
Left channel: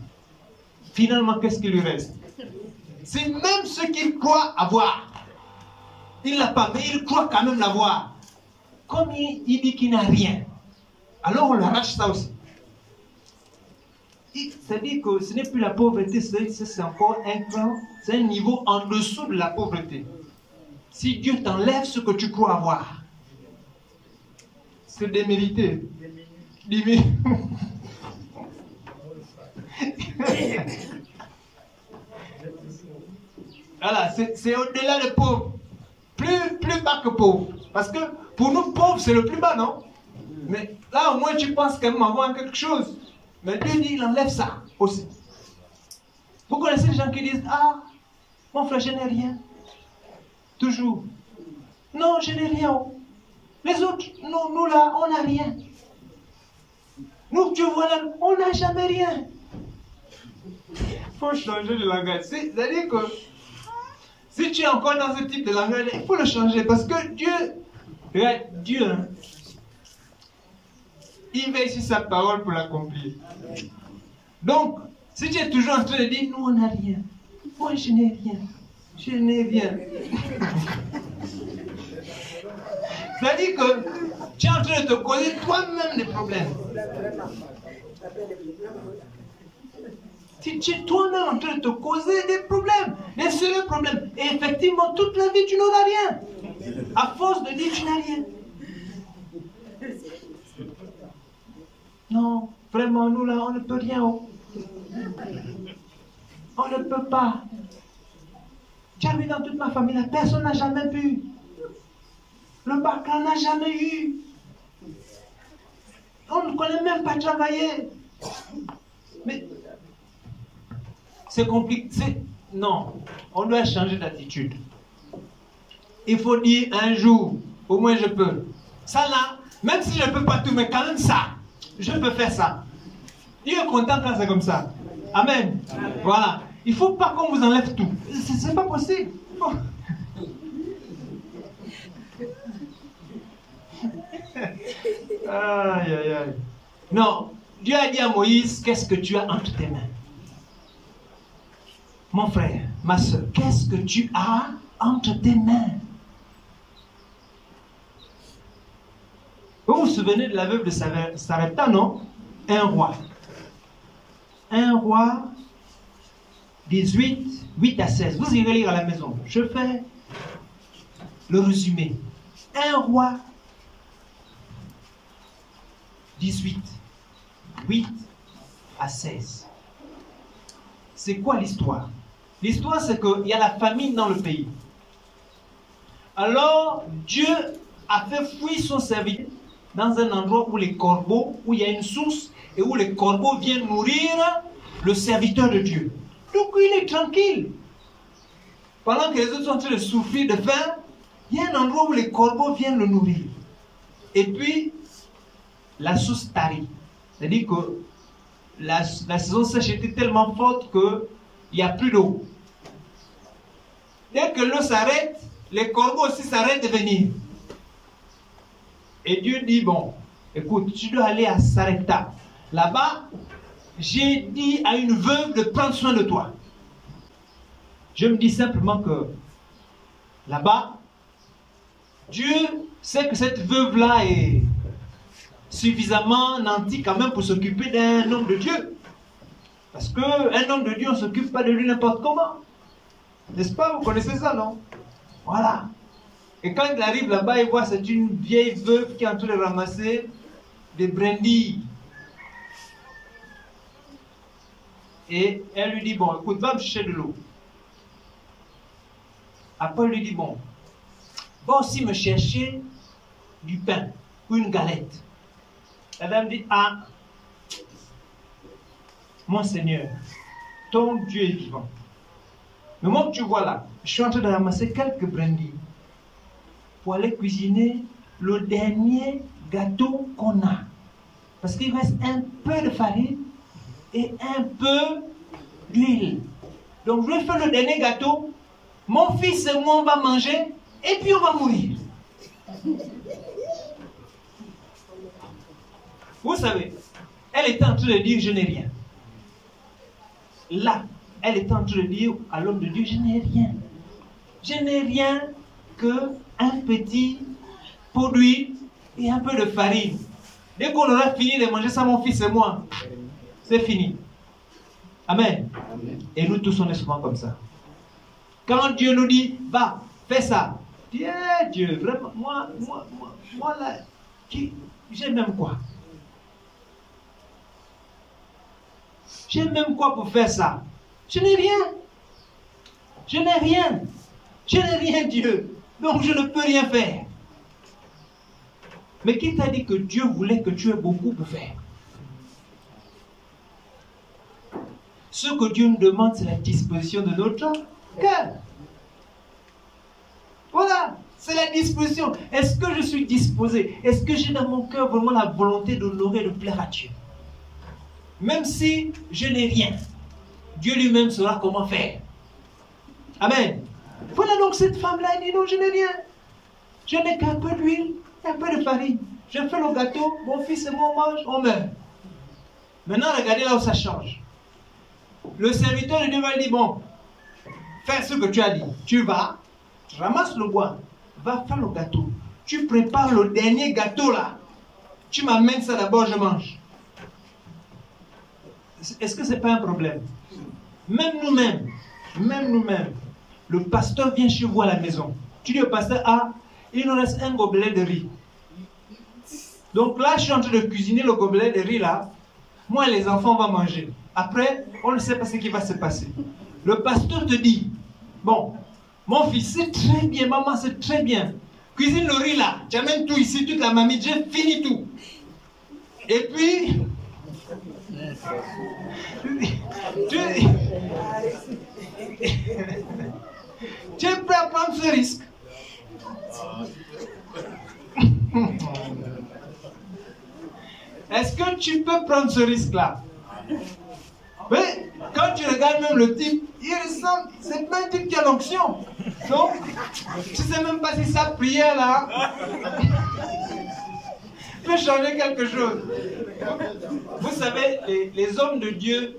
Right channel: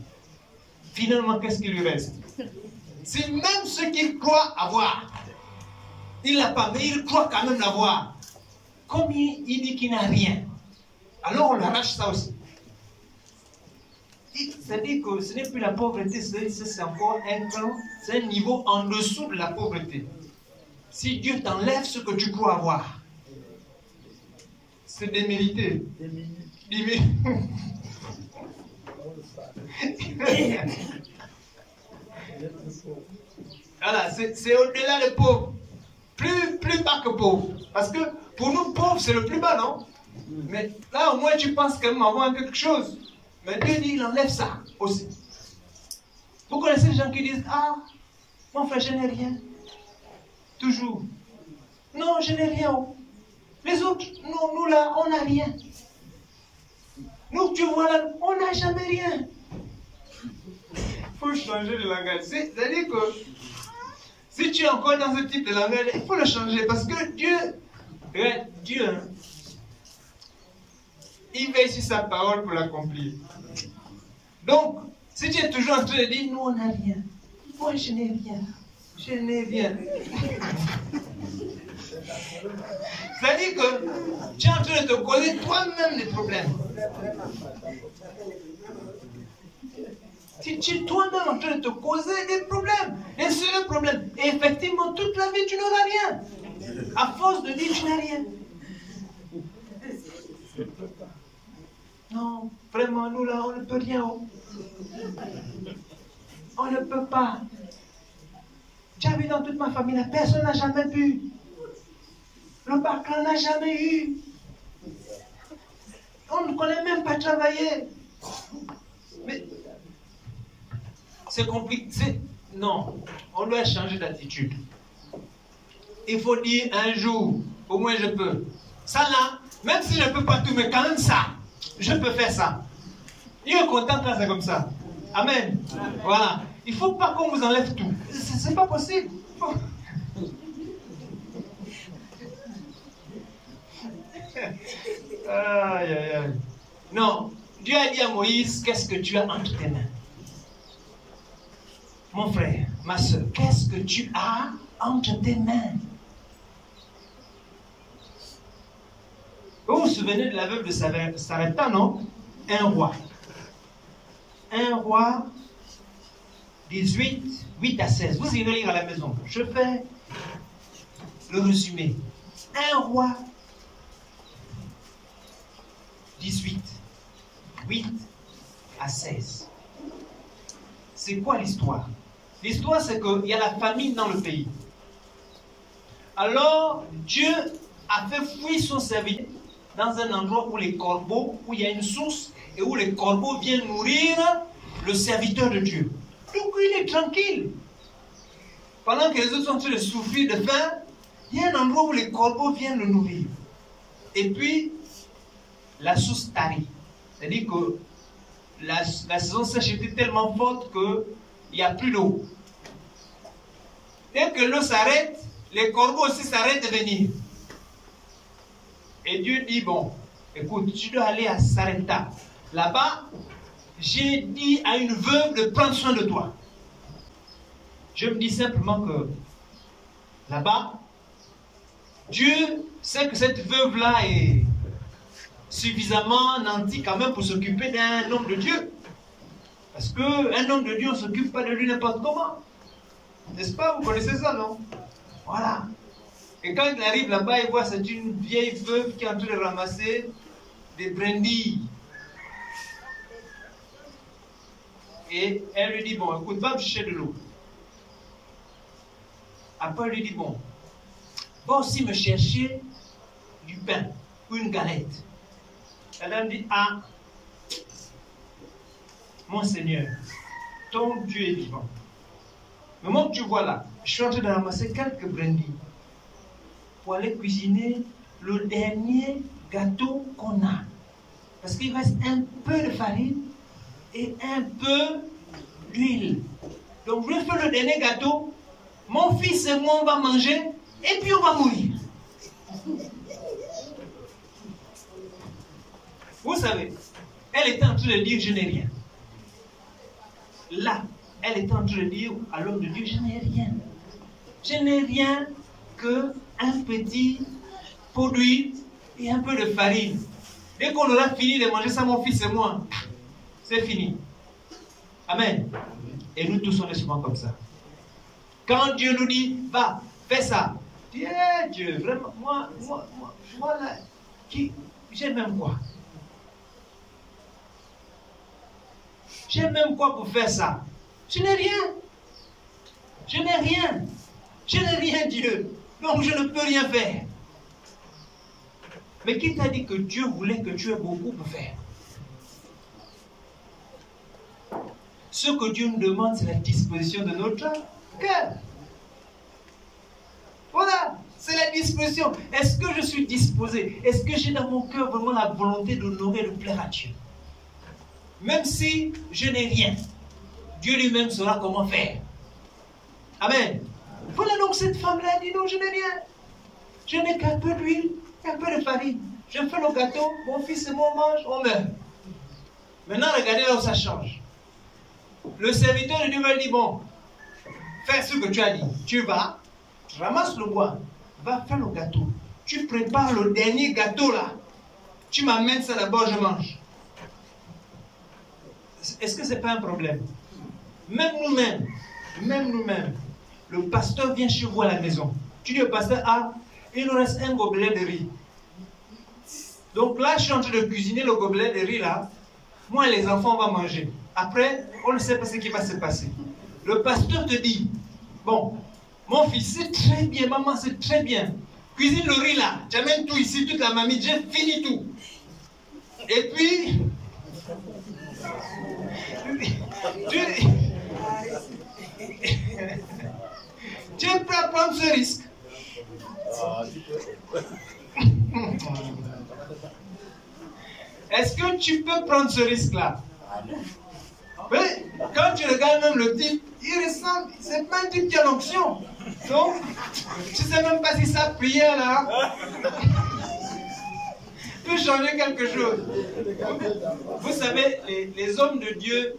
Finalement, qu'est-ce qui lui reste? C'est même ce qu'il croit avoir. Il n'a pas, mais il croit quand même l'avoir. Comme il dit qu'il n'a rien, alors on lui arrache ça aussi. C'est-à-dire que ce n'est plus la pauvreté, c'est encore un cran, c'est un niveau en dessous de la pauvreté. Si Dieu t'enlève ce que tu crois avoir, c'est démérité. Voilà, c'est au-delà de pauvre. Plus bas que pauvre. Parce que pour nous, pauvre, c'est le plus bas, non? Mais là, au moins, tu penses quand même avoir quelque chose. Mais Dieu dit, il enlève ça aussi. Vous connaissez les gens qui disent, ah, mon frère, je n'ai rien. Toujours. Non, je n'ai rien. Les autres, non, nous là, on n'a rien. Nous, tu vois là, on n'a jamais rien. Il faut changer de langage. C'est-à-dire que si tu es encore dans ce type de langage, il faut le changer. Parce que Dieu, regarde, Dieu, hein, il veille sur sa parole pour l'accomplir. Donc, si tu es toujours en train de dire, nous on n'a rien. Moi je n'ai rien. Je n'ai rien. C'est-à-dire que tu es en train de te causer toi-même des problèmes. Tu es toi-même en train de te causer des problèmes, des sérieux problèmes. Et effectivement, toute la vie, tu n'auras rien. À force de dire, tu n'as rien. Non, vraiment, nous là, on ne peut rien. On ne peut pas. Tu as vu dans toute ma famille, là, personne n'a jamais pu. Le bac n'a jamais eu. On ne connaît même pas travailler. Mais c'est compliqué. Non, on doit changer d'attitude. Il faut dire un jour, au moins je peux. Ça là, même si je ne peux pas tout, mais quand même ça, je peux faire ça. Dieu est content quand c'est comme ça. Amen. Amen. Voilà. Il ne faut pas qu'on vous enlève tout. Ce n'est pas possible. Aïe, aïe, aïe. Non, Dieu a dit à Moïse, qu'est-ce que tu as entre tes mains? Mon frère, ma soeur, qu'est-ce que tu as entre tes mains? Vous vous souvenez de la veuve de Sarepta, non? Un roi 18, 8 à 16. Vous irez lire à la maison. Je fais le résumé. 1 roi 18, 8 à 16. C'est quoi l'histoire? L'histoire, c'est qu'il y a la famine dans le pays. Alors, Dieu a fait fuir son serviteur dans un endroit où les corbeaux, où il y a une source, et où les corbeaux viennent nourrir le serviteur de Dieu. Donc, il est tranquille. Pendant que les autres sont en train de souffrir de faim, il y a un endroit où les corbeaux viennent le nourrir. Et puis, la source tarit. C'est-à-dire que la saison sèche était tellement forte qu'il n'y a plus d'eau. Dès que l'eau s'arrête, les corbeaux aussi s'arrêtent de venir. Et Dieu dit, bon, écoute, tu dois aller à Sarepta. Là-bas, j'ai dit à une veuve de prendre soin de toi. Je me dis simplement que là-bas, Dieu sait que cette veuve-là est suffisamment nantie quand même pour s'occuper d'un homme de Dieu. Parce qu'un homme de Dieu, on ne s'occupe pas de lui n'importe comment. N'est-ce pas? Vous connaissez ça, non? Voilà. Et quand il arrive là-bas, il voit c'est une vieille veuve qui est en train de ramasser des brindilles. Et elle lui dit, bon, écoute, va me chercher de l'eau. Après, elle lui dit, bon, va aussi me chercher du pain ou une galette. La dame dit, ah, mon Seigneur, ton Dieu est vivant. Le moment que tu vois là, je suis en train de ramasser quelques brindilles pour aller cuisiner le dernier gâteau qu'on a. Parce qu'il reste un peu de farine et un peu d'huile. Donc je vais faire le dernier gâteau. Mon fils et moi, on va manger et puis on va mourir. Vous savez, elle était en train de dire, je n'ai rien. Là, elle était en train de dire à l'homme de Dieu, je n'ai rien. Je n'ai rien que un petit pot d'huile et un peu de farine. Dès qu'on aura fini de manger ça, mon fils et moi, c'est fini. Amen. Et nous tous, on est souvent comme ça. Quand Dieu nous dit, va, fais ça. Dieu, Dieu, vraiment, moi là, j'ai même quoi? J'ai même quoi pour faire ça? Je n'ai rien. Je n'ai rien. Je n'ai rien, Dieu. Donc je ne peux rien faire. Mais qui t'a dit que Dieu voulait que tu aies beaucoup pour faire? Ce que Dieu nous demande, c'est la disposition de notre cœur. Voilà, c'est la disposition. Est-ce que je suis disposé? Est-ce que j'ai dans mon cœur vraiment la volonté d'honorer, de plaire à Dieu? Même si je n'ai rien, Dieu lui-même saura comment faire. Amen. Voilà donc cette femme-là dit non, je n'ai rien. Je n'ai qu'un peu d'huile, un peu de farine. Je fais le gâteau, mon fils et moi on mange, on meurt. Maintenant, regardez là où ça change. Le serviteur de Dieu va lui dire, bon, fais ce que tu as dit. Tu vas, tu ramasses le bois, va faire le gâteau. Tu prépares le dernier gâteau là. Tu m'amènes ça d'abord, je mange. Est-ce que ce n'est pas un problème? Même nous-mêmes, le pasteur vient chez vous à la maison. Tu dis au pasteur, ah, il nous reste un gobelet de riz. Donc là, je suis en train de cuisiner le gobelet de riz là. Moi et les enfants, on va manger. Après, on ne sait pas ce qui va se passer. Le pasteur te dit, bon, mon fils, c'est très bien, maman, c'est très bien. Cuisine le riz là, tu amènes tout ici, toute la mamie, j'ai fini tout. Et puis, tu es prêt à prendre ce risque. Est-ce que tu peux prendre ce risque-là? Mais quand tu regardes même le type, il ressemble, c'est pas un type qui a l'onction. Donc, tu ne sais même pas si sa prière là peut changer quelque chose. Vous savez, les hommes de Dieu,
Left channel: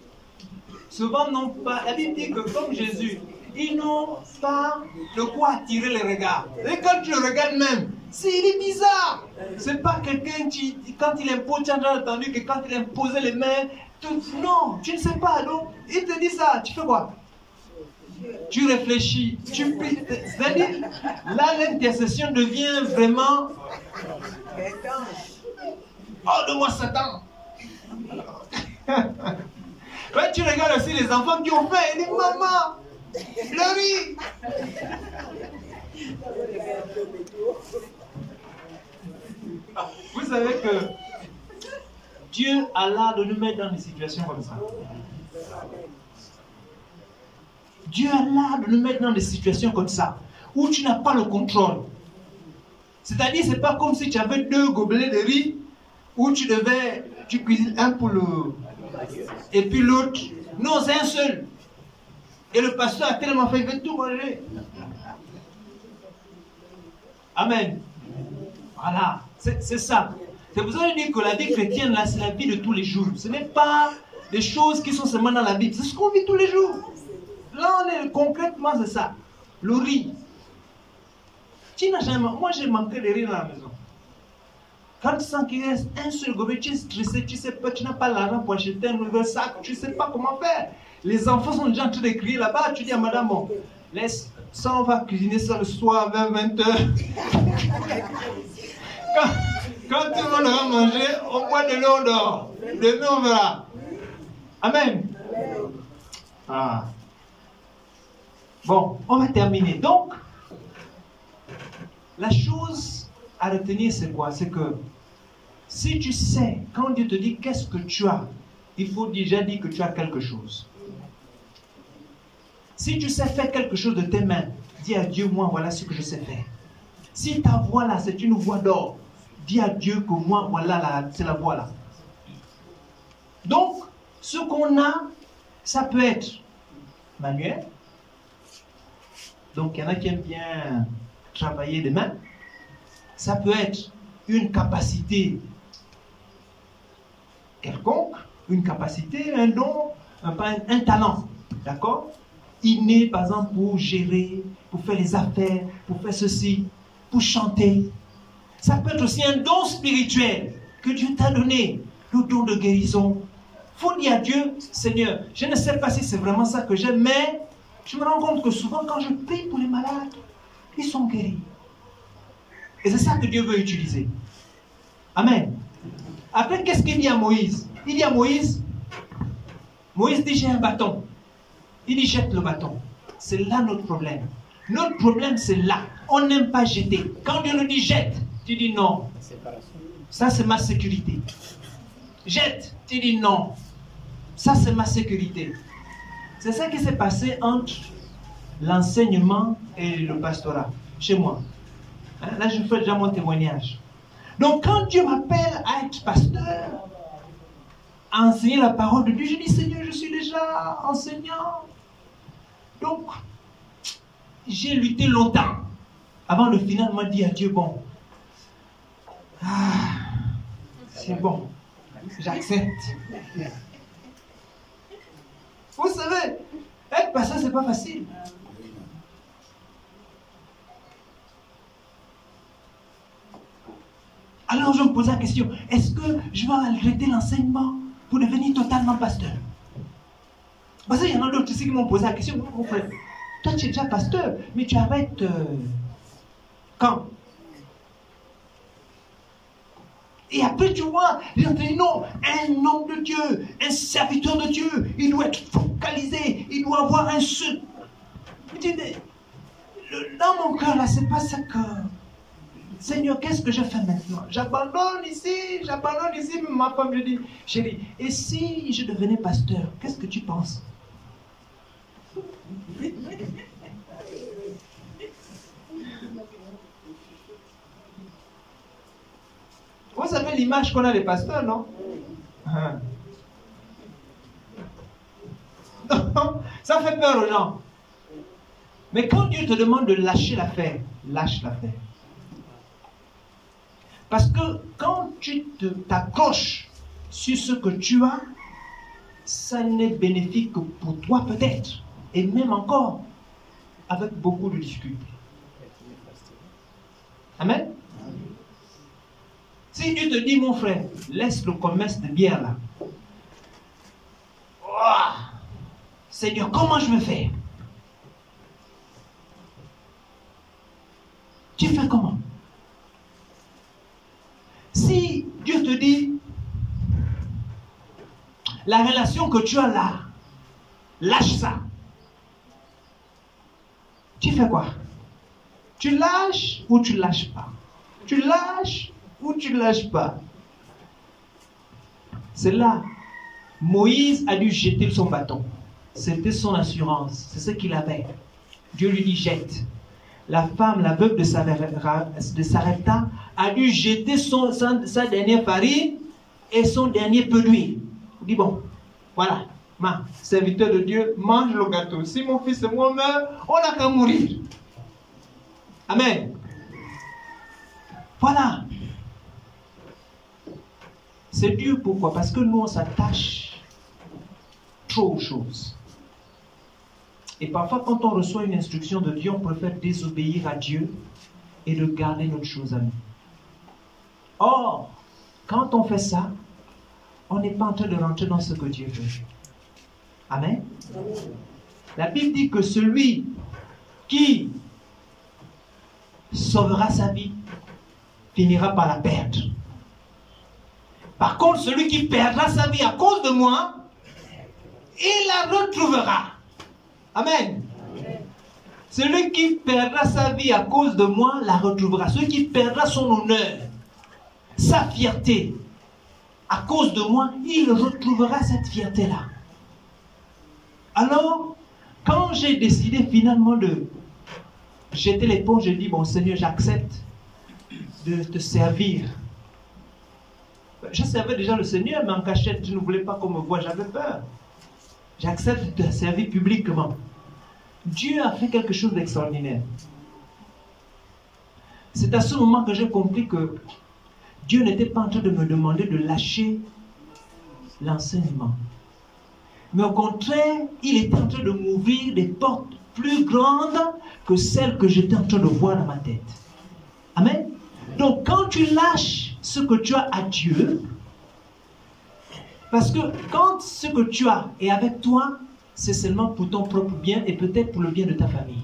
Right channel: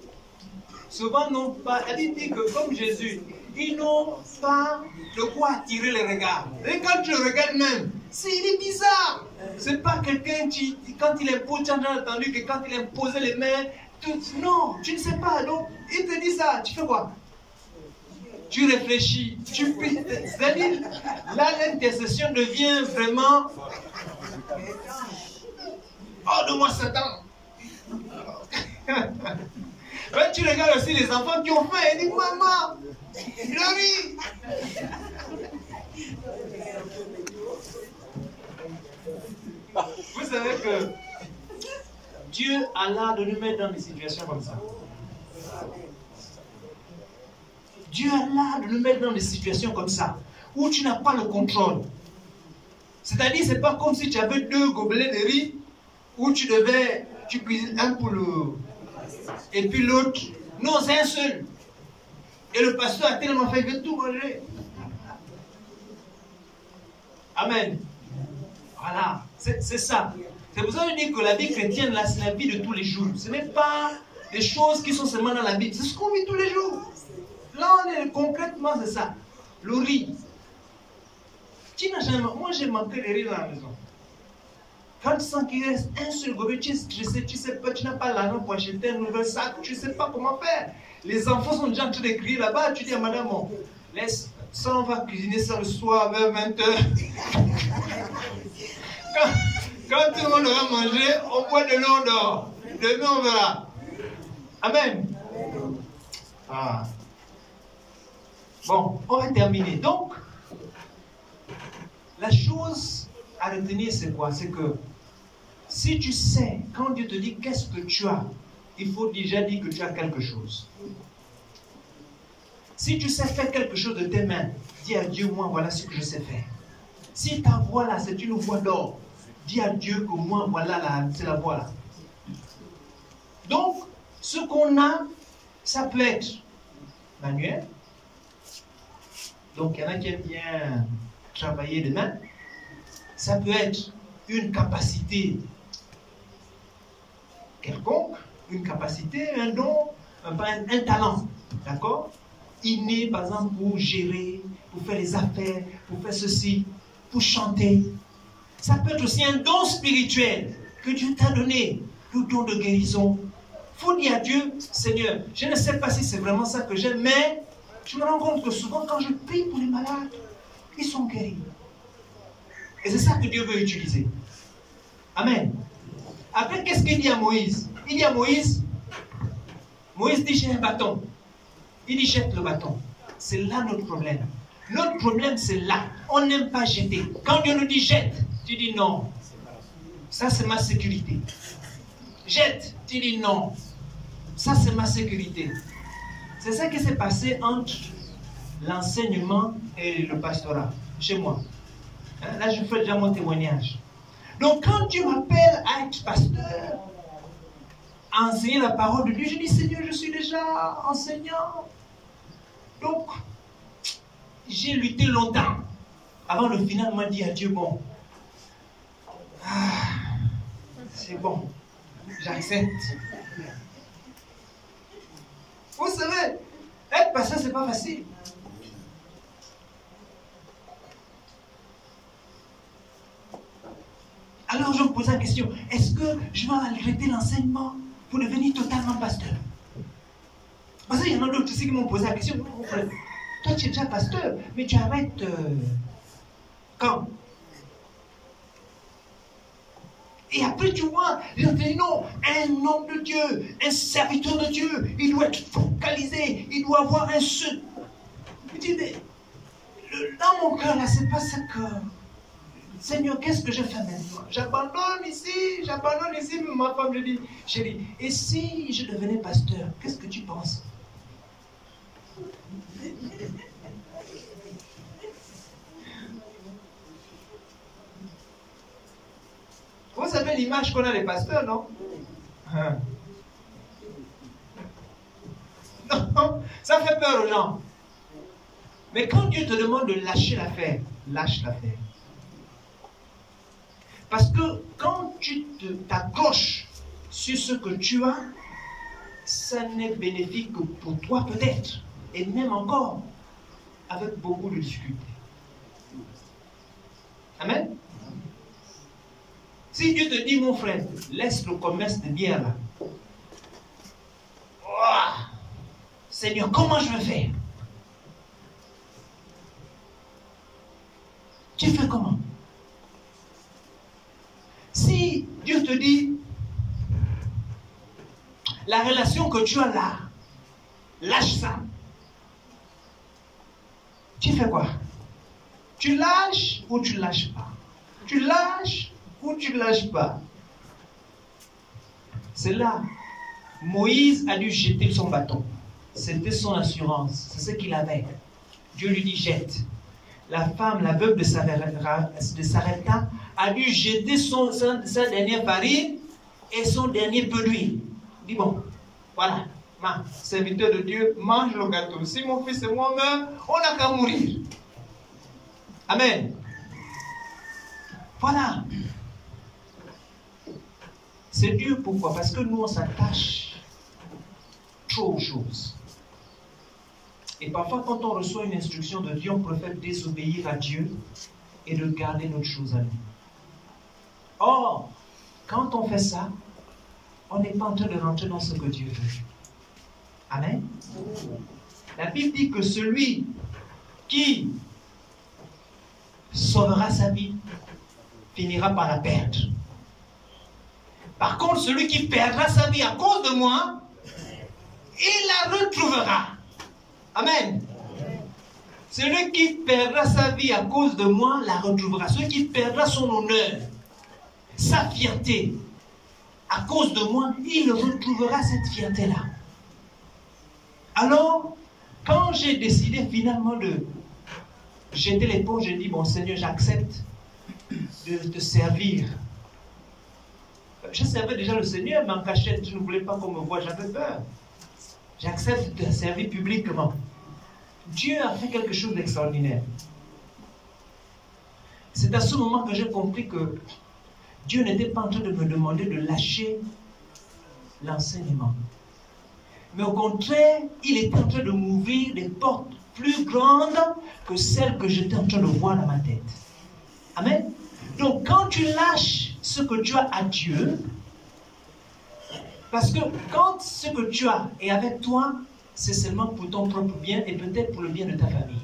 souvent n'ont pas, la Bible dit que comme Jésus, ils n'ont pas de quoi attirer les regards. Et quand tu le regardes même, il est bizarre. C'est pas quelqu'un qui, quand il impose, tu as entendu que quand il imposait les mains, non, tu ne sais pas. Donc, il te dit ça, tu fais quoi? tu réfléchis, c'est-à-dire, là l'intercession devient vraiment hors de moi Satan. Quand tu regardes aussi les enfants qui ont faim, ils disent maman, le riz. Vous savez que Dieu a l'art de nous mettre dans des situations comme ça. Dieu a l'art de nous mettre dans des situations comme ça, où tu n'as pas le contrôle. C'est-à-dire, c'est pas comme si tu avais 2 gobelets de riz, où tu cuisines un pour le... et puis l'autre. Non, c'est un seul. Et le pasteur a tellement fait que tout manger. Amen. Voilà, c'est ça. C'est pour ça que je dis que la vie chrétienne, là, c'est la vie de tous les jours. Ce n'est pas des choses qui sont seulement dans la Bible. C'est ce qu'on vit tous les jours. Là, concrètement, c'est ça. Le riz. Tu n'as jamais... Moi, j'ai manqué de riz dans la maison. Quand tu sens qu'il reste un seul gobelet, tu es stressé, tu sais pas, tu n'as pas l'argent pour acheter un nouvel sac, tu ne sais pas comment faire. Les enfants sont déjà en train de crier là-bas, tu dis à madame, bon, laisse, ça on va cuisiner ça le soir vers 20h. Quand tout le monde aura mangé, on boit de l'eau, on dort. Demain on verra. Amen. Ah. Bon, on va terminer. Donc, la chose à retenir, c'est quoi? C'est que si tu sais, quand Dieu te dit qu'est-ce que tu as, il faut déjà dire que tu as quelque chose. Si tu sais faire quelque chose de tes mains, dis à Dieu, moi, voilà ce que je sais faire. Si ta voix là, c'est une voix d'or, dis à Dieu que moi, voilà, c'est la voix là. Donc, ce qu'on a, ça peut être manuel. Donc, il y en a qui aiment bien travailler les mains. Ça peut être une capacité quelconque, une capacité, un don, un talent, d'accord? Inné, par exemple, pour gérer, pour faire les affaires, pour faire ceci, pour chanter. Ça peut être aussi un don spirituel que Dieu t'a donné, le don de guérison. Il faut dire à Dieu, Seigneur, je ne sais pas si c'est vraiment ça que j'aime, mais je me rends compte que souvent quand je prie pour les malades, ils sont guéris. Et c'est ça que Dieu veut utiliser. Amen. Après, qu'est-ce qu'il dit à Moïse? Il dit à Moïse dit, j'ai un bâton. Il dit, jette le bâton. C'est là notre problème. Notre problème, c'est là. On n'aime pas jeter. Quand Dieu nous dit jette, tu dis non. Ça, c'est ma sécurité. Jette, tu dis non. Ça, c'est ma sécurité. C'est ça qui s'est passé entre l'enseignement et le pastorat, chez moi. Là, je fais déjà mon témoignage. Donc, quand Dieu m'appelle à être pasteur, à enseigner la parole de Dieu, je dis, Seigneur, je suis déjà enseignant. Donc, j'ai lutté longtemps avant de finalement dire à Dieu, bon, c'est bon, j'accepte. Vous savez, être pasteur, c'est pas facile. Alors je me pose la question, est-ce que je vais arrêter l'enseignement pour devenir totalement pasteur? Parce qu'il y en a d'autres ici qui m'ont posé la question, mon frère, toi tu es déjà pasteur, mais tu arrêtes quand? Et après tu vois, ils ont dit non, un homme de Dieu, un serviteur de Dieu, il doit être focalisé, il doit avoir un seul. Je dis, dans mon cœur là, c'est pas ça que... Seigneur, qu'est-ce que je fais maintenant? J'abandonne ici, ma femme, je dis, chérie, et si je devenais pasteur, qu'est-ce que tu penses? Vous savez l'image qu'on a des pasteurs, non? Non, ça fait peur aux gens. Mais quand Dieu te demande de lâcher l'affaire, lâche l'affaire. Parce que quand tu t'accroches sur ce que tu as, ça n'est bénéfique que pour toi peut-être. Et même encore, avec beaucoup de difficultés. Amen. Si Dieu te dit, mon frère, laisse le commerce de bière là. Oh, Seigneur, comment je vais faire? Tu fais comment? Si Dieu te dit, la relation que tu as là, lâche ça. Tu fais quoi? Tu lâches ou tu lâches pas? Tu lâches ou tu lâches pas? C'est là. Moïse a dû jeter son bâton. C'était son assurance. C'est ce qu'il avait. Dieu lui dit jette. La femme, la veuve de Sarepta, a dû jeter sa dernière farine et son dernier peu d'huile. Il dit bon, voilà, ma serviteur de Dieu, mange le gâteau. Si mon fils et moi meurent, on n'a qu'à mourir. Amen. Voilà. C'est dur, pourquoi? Parce que nous, on s'attache trop aux choses. Et parfois, quand on reçoit une instruction de Dieu, on préfère désobéir à Dieu et de garder notre chose à nous. Or, quand on fait ça, on n'est pas en train de rentrer dans ce que Dieu veut. Amen. La Bible dit que celui qui sauvera sa vie finira par la perdre. Par contre, celui qui perdra sa vie à cause de moi, il la retrouvera. Amen. Celui qui perdra sa vie à cause de moi, la retrouvera. Celui qui perdra son honneur, sa fierté, à cause de moi, il retrouvera cette fierté-là. Alors, quand j'ai décidé finalement de jeter l'éponge, j'ai dit, bon Seigneur, j'accepte de te servir. Je servais déjà le Seigneur, mais en cachette, je ne voulais pas qu'on me voie, j'avais peur. J'accepte de te servir publiquement. Dieu a fait quelque chose d'extraordinaire. C'est à ce moment que j'ai compris que Dieu n'était pas en train de me demander de lâcher l'enseignement. Mais au contraire, il était en train de m'ouvrir des portes plus grandes que celles que j'étais en train de voir dans ma tête. Amen. Donc quand tu lâches ce que tu as à Dieu, parce que quand ce que tu as est avec toi, c'est seulement pour ton propre bien et peut-être pour le bien de ta famille.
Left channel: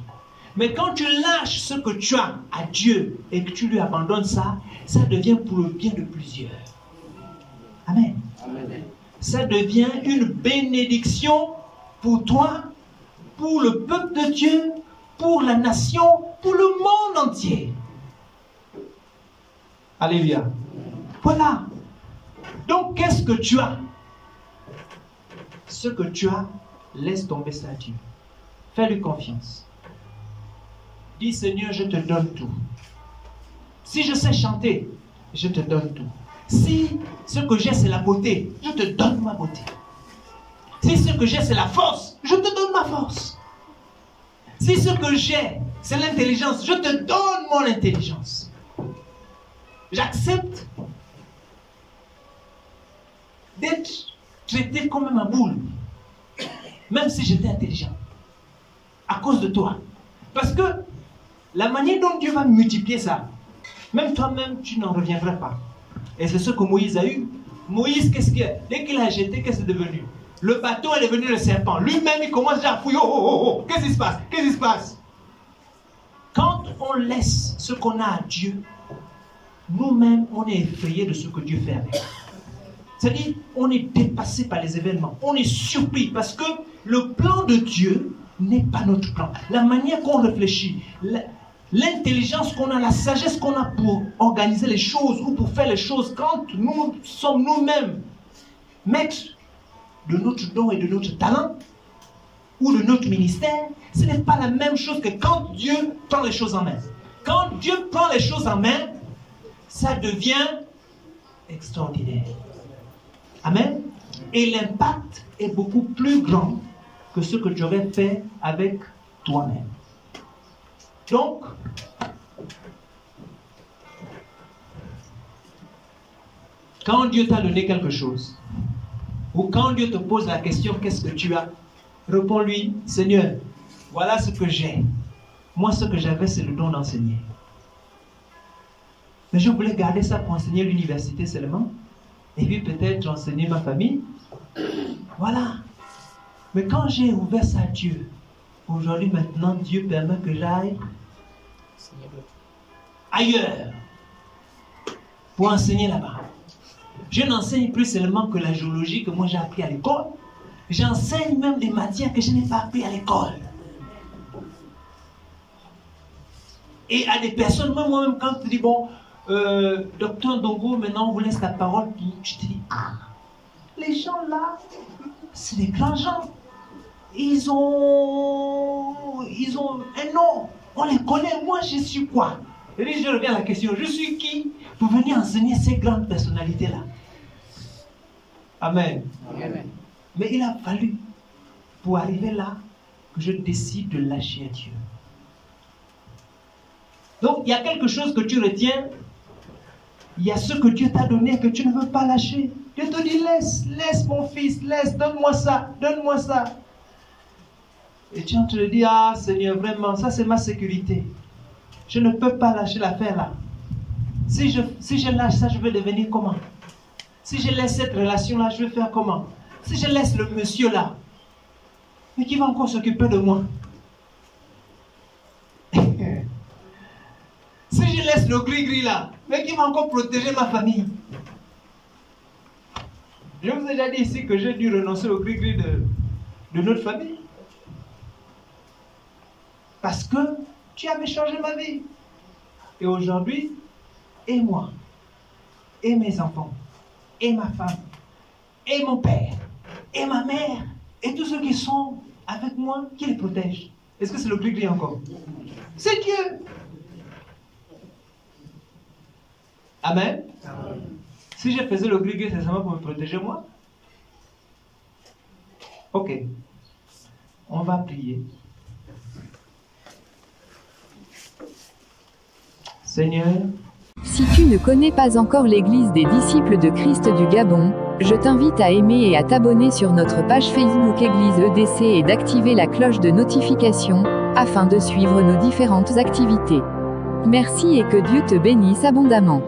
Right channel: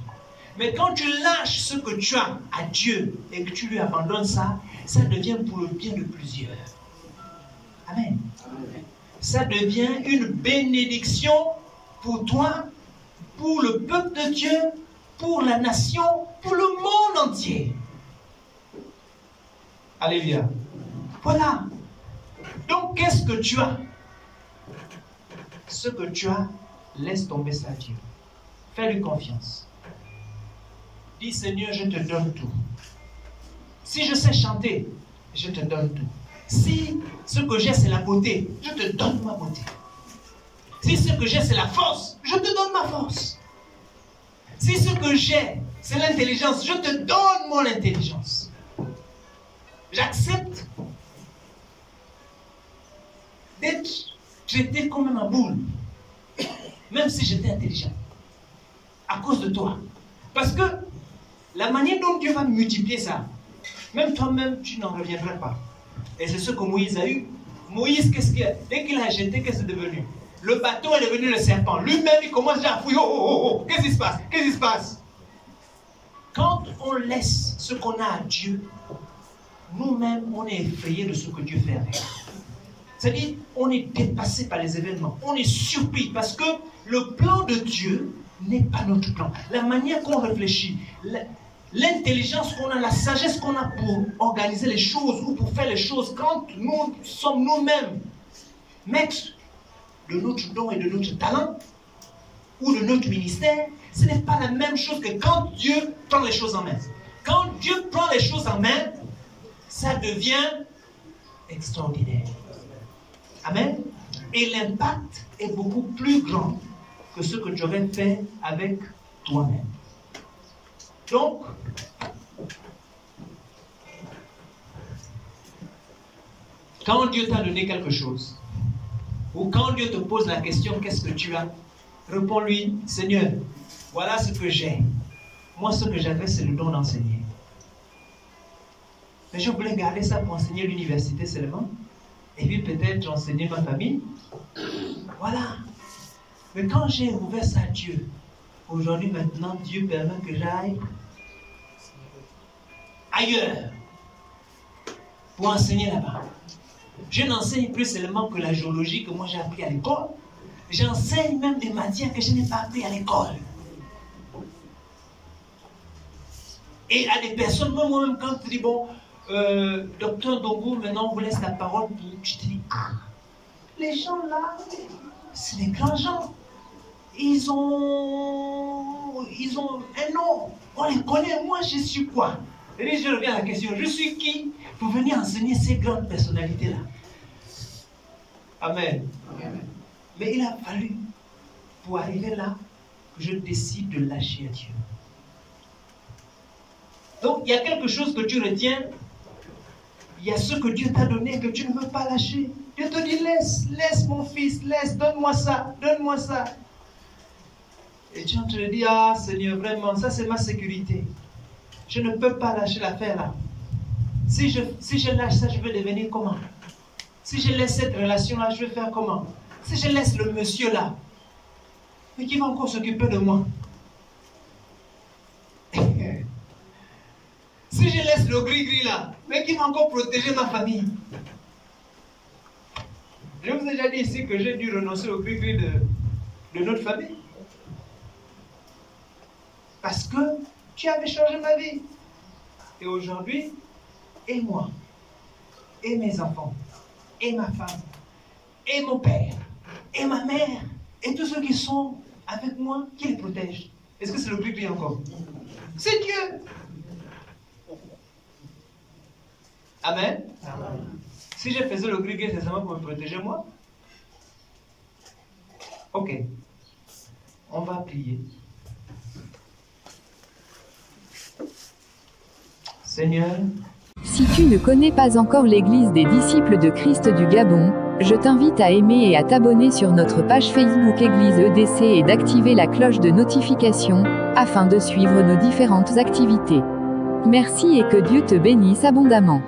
Mais quand tu lâches ce que tu as à Dieu et que tu lui abandonnes ça, ça devient pour le bien de plusieurs. Amen. Amen. Ça devient une bénédiction pour toi, pour le peuple de Dieu, pour la nation, pour le monde entier. Alléluia. Voilà. Donc, qu'est-ce que tu as? Ce que tu as, laisse tomber ça à Dieu. Fais-lui confiance. Dis, Seigneur, je te donne tout. Si je sais chanter, je te donne tout. Si ce que j'ai, c'est la beauté, je te donne ma beauté. Si ce que j'ai, c'est la force, je te donne ma force. Si ce que j'ai, c'est l'intelligence, je te donne mon intelligence. J'accepte d'être traité comme ma boule, même si j'étais intelligent, à cause de toi. Parce que la manière dont Dieu va multiplier ça, même toi-même, tu n'en reviendrais pas. Et c'est ce que Moïse a eu. Moïse, qu'est-ce qu'il y a? Dès qu'il a jeté, qu'est-ce que c'est devenu? Le bâton est devenu le serpent. Lui-même, il commence déjà à fouiller. Oh, qu'est-ce qui se passe? Qu'est-ce qui se passe? Quand on laisse ce qu'on a à Dieu, nous-mêmes, on est effrayés de ce que Dieu fait avec. C'est-à-dire, on est dépassé par les événements. On est surpris parce que le plan de Dieu n'est pas notre plan. La manière qu'on réfléchit, l'intelligence qu'on a, la sagesse qu'on a pour organiser les choses ou pour faire les choses, quand nous sommes nous-mêmes maîtres de notre don et de notre talent ou de notre ministère, ce n'est pas la même chose que quand Dieu prend les choses en main. Quand Dieu prend les choses en main, ça devient extraordinaire. Amen. Et l'impact est beaucoup plus grand que ce que tu aurais fait avec toi-même. Donc, quand Dieu t'a donné quelque chose, ou quand Dieu te pose la question, qu'est-ce que tu as? Réponds-lui, Seigneur, voilà ce que j'ai. Moi, ce que j'avais, c'est le don d'enseigner. Mais je voulais garder ça pour enseigner l'université seulement. Et puis peut-être enseigner ma famille. Voilà. Mais quand j'ai ouvert ça à Dieu, aujourd'hui, maintenant, Dieu permet que j'aille ailleurs pour enseigner là-bas. Je n'enseigne plus seulement que la géologie que moi j'ai appris à l'école. J'enseigne même des matières que je n'ai pas appris à l'école. Et à des personnes, moi-même, quand tu dis, bon, docteur Dongo, maintenant on vous laisse la parole, tu te dis, ah, les gens là, c'est des grands gens. Ils ont un nom. On les connaît. Moi, je suis quoi? Et je reviens à la question, je suis qui pour venir enseigner ces grandes personnalités-là? Amen. Amen. Mais il a fallu, pour arriver là, que je décide de lâcher à Dieu. Donc, il y a quelque chose que tu retiens. Il y a ce que Dieu t'a donné et que tu ne veux pas lâcher. Dieu te dit, laisse mon fils, laisse, donne-moi ça, donne-moi ça. Et tu te dis, ah Seigneur, vraiment, ça c'est ma sécurité. Je ne peux pas lâcher l'affaire là. Si je lâche ça, je vais devenir comment? Si je laisse cette relation-là, je vais faire comment? Si je laisse le monsieur là, mais qui va encore s'occuper de moi? Si je laisse le gris-gris là, mais qui va encore protéger ma famille? Je vous ai déjà dit ici que j'ai dû renoncer au gris-gris de notre famille. Parce que tu avais changé ma vie. Et aujourd'hui, et moi, et mes enfants, et ma femme, et mon père, et ma mère, et tous ceux qui sont avec moi, qui les protègent. Est-ce que c'est le gris-gris encore? C'est Dieu. Amen. Amen. Si je faisais le gris-gris, c'est seulement pour me protéger moi? Ok. On va prier. Seigneur, si tu ne connais pas encore l'Église des disciples de Christ du Gabon, je t'invite à aimer et à t'abonner sur notre page Facebook Église EDC et d'activer la cloche de notification, afin de suivre nos différentes activités. Merci et que Dieu te bénisse abondamment.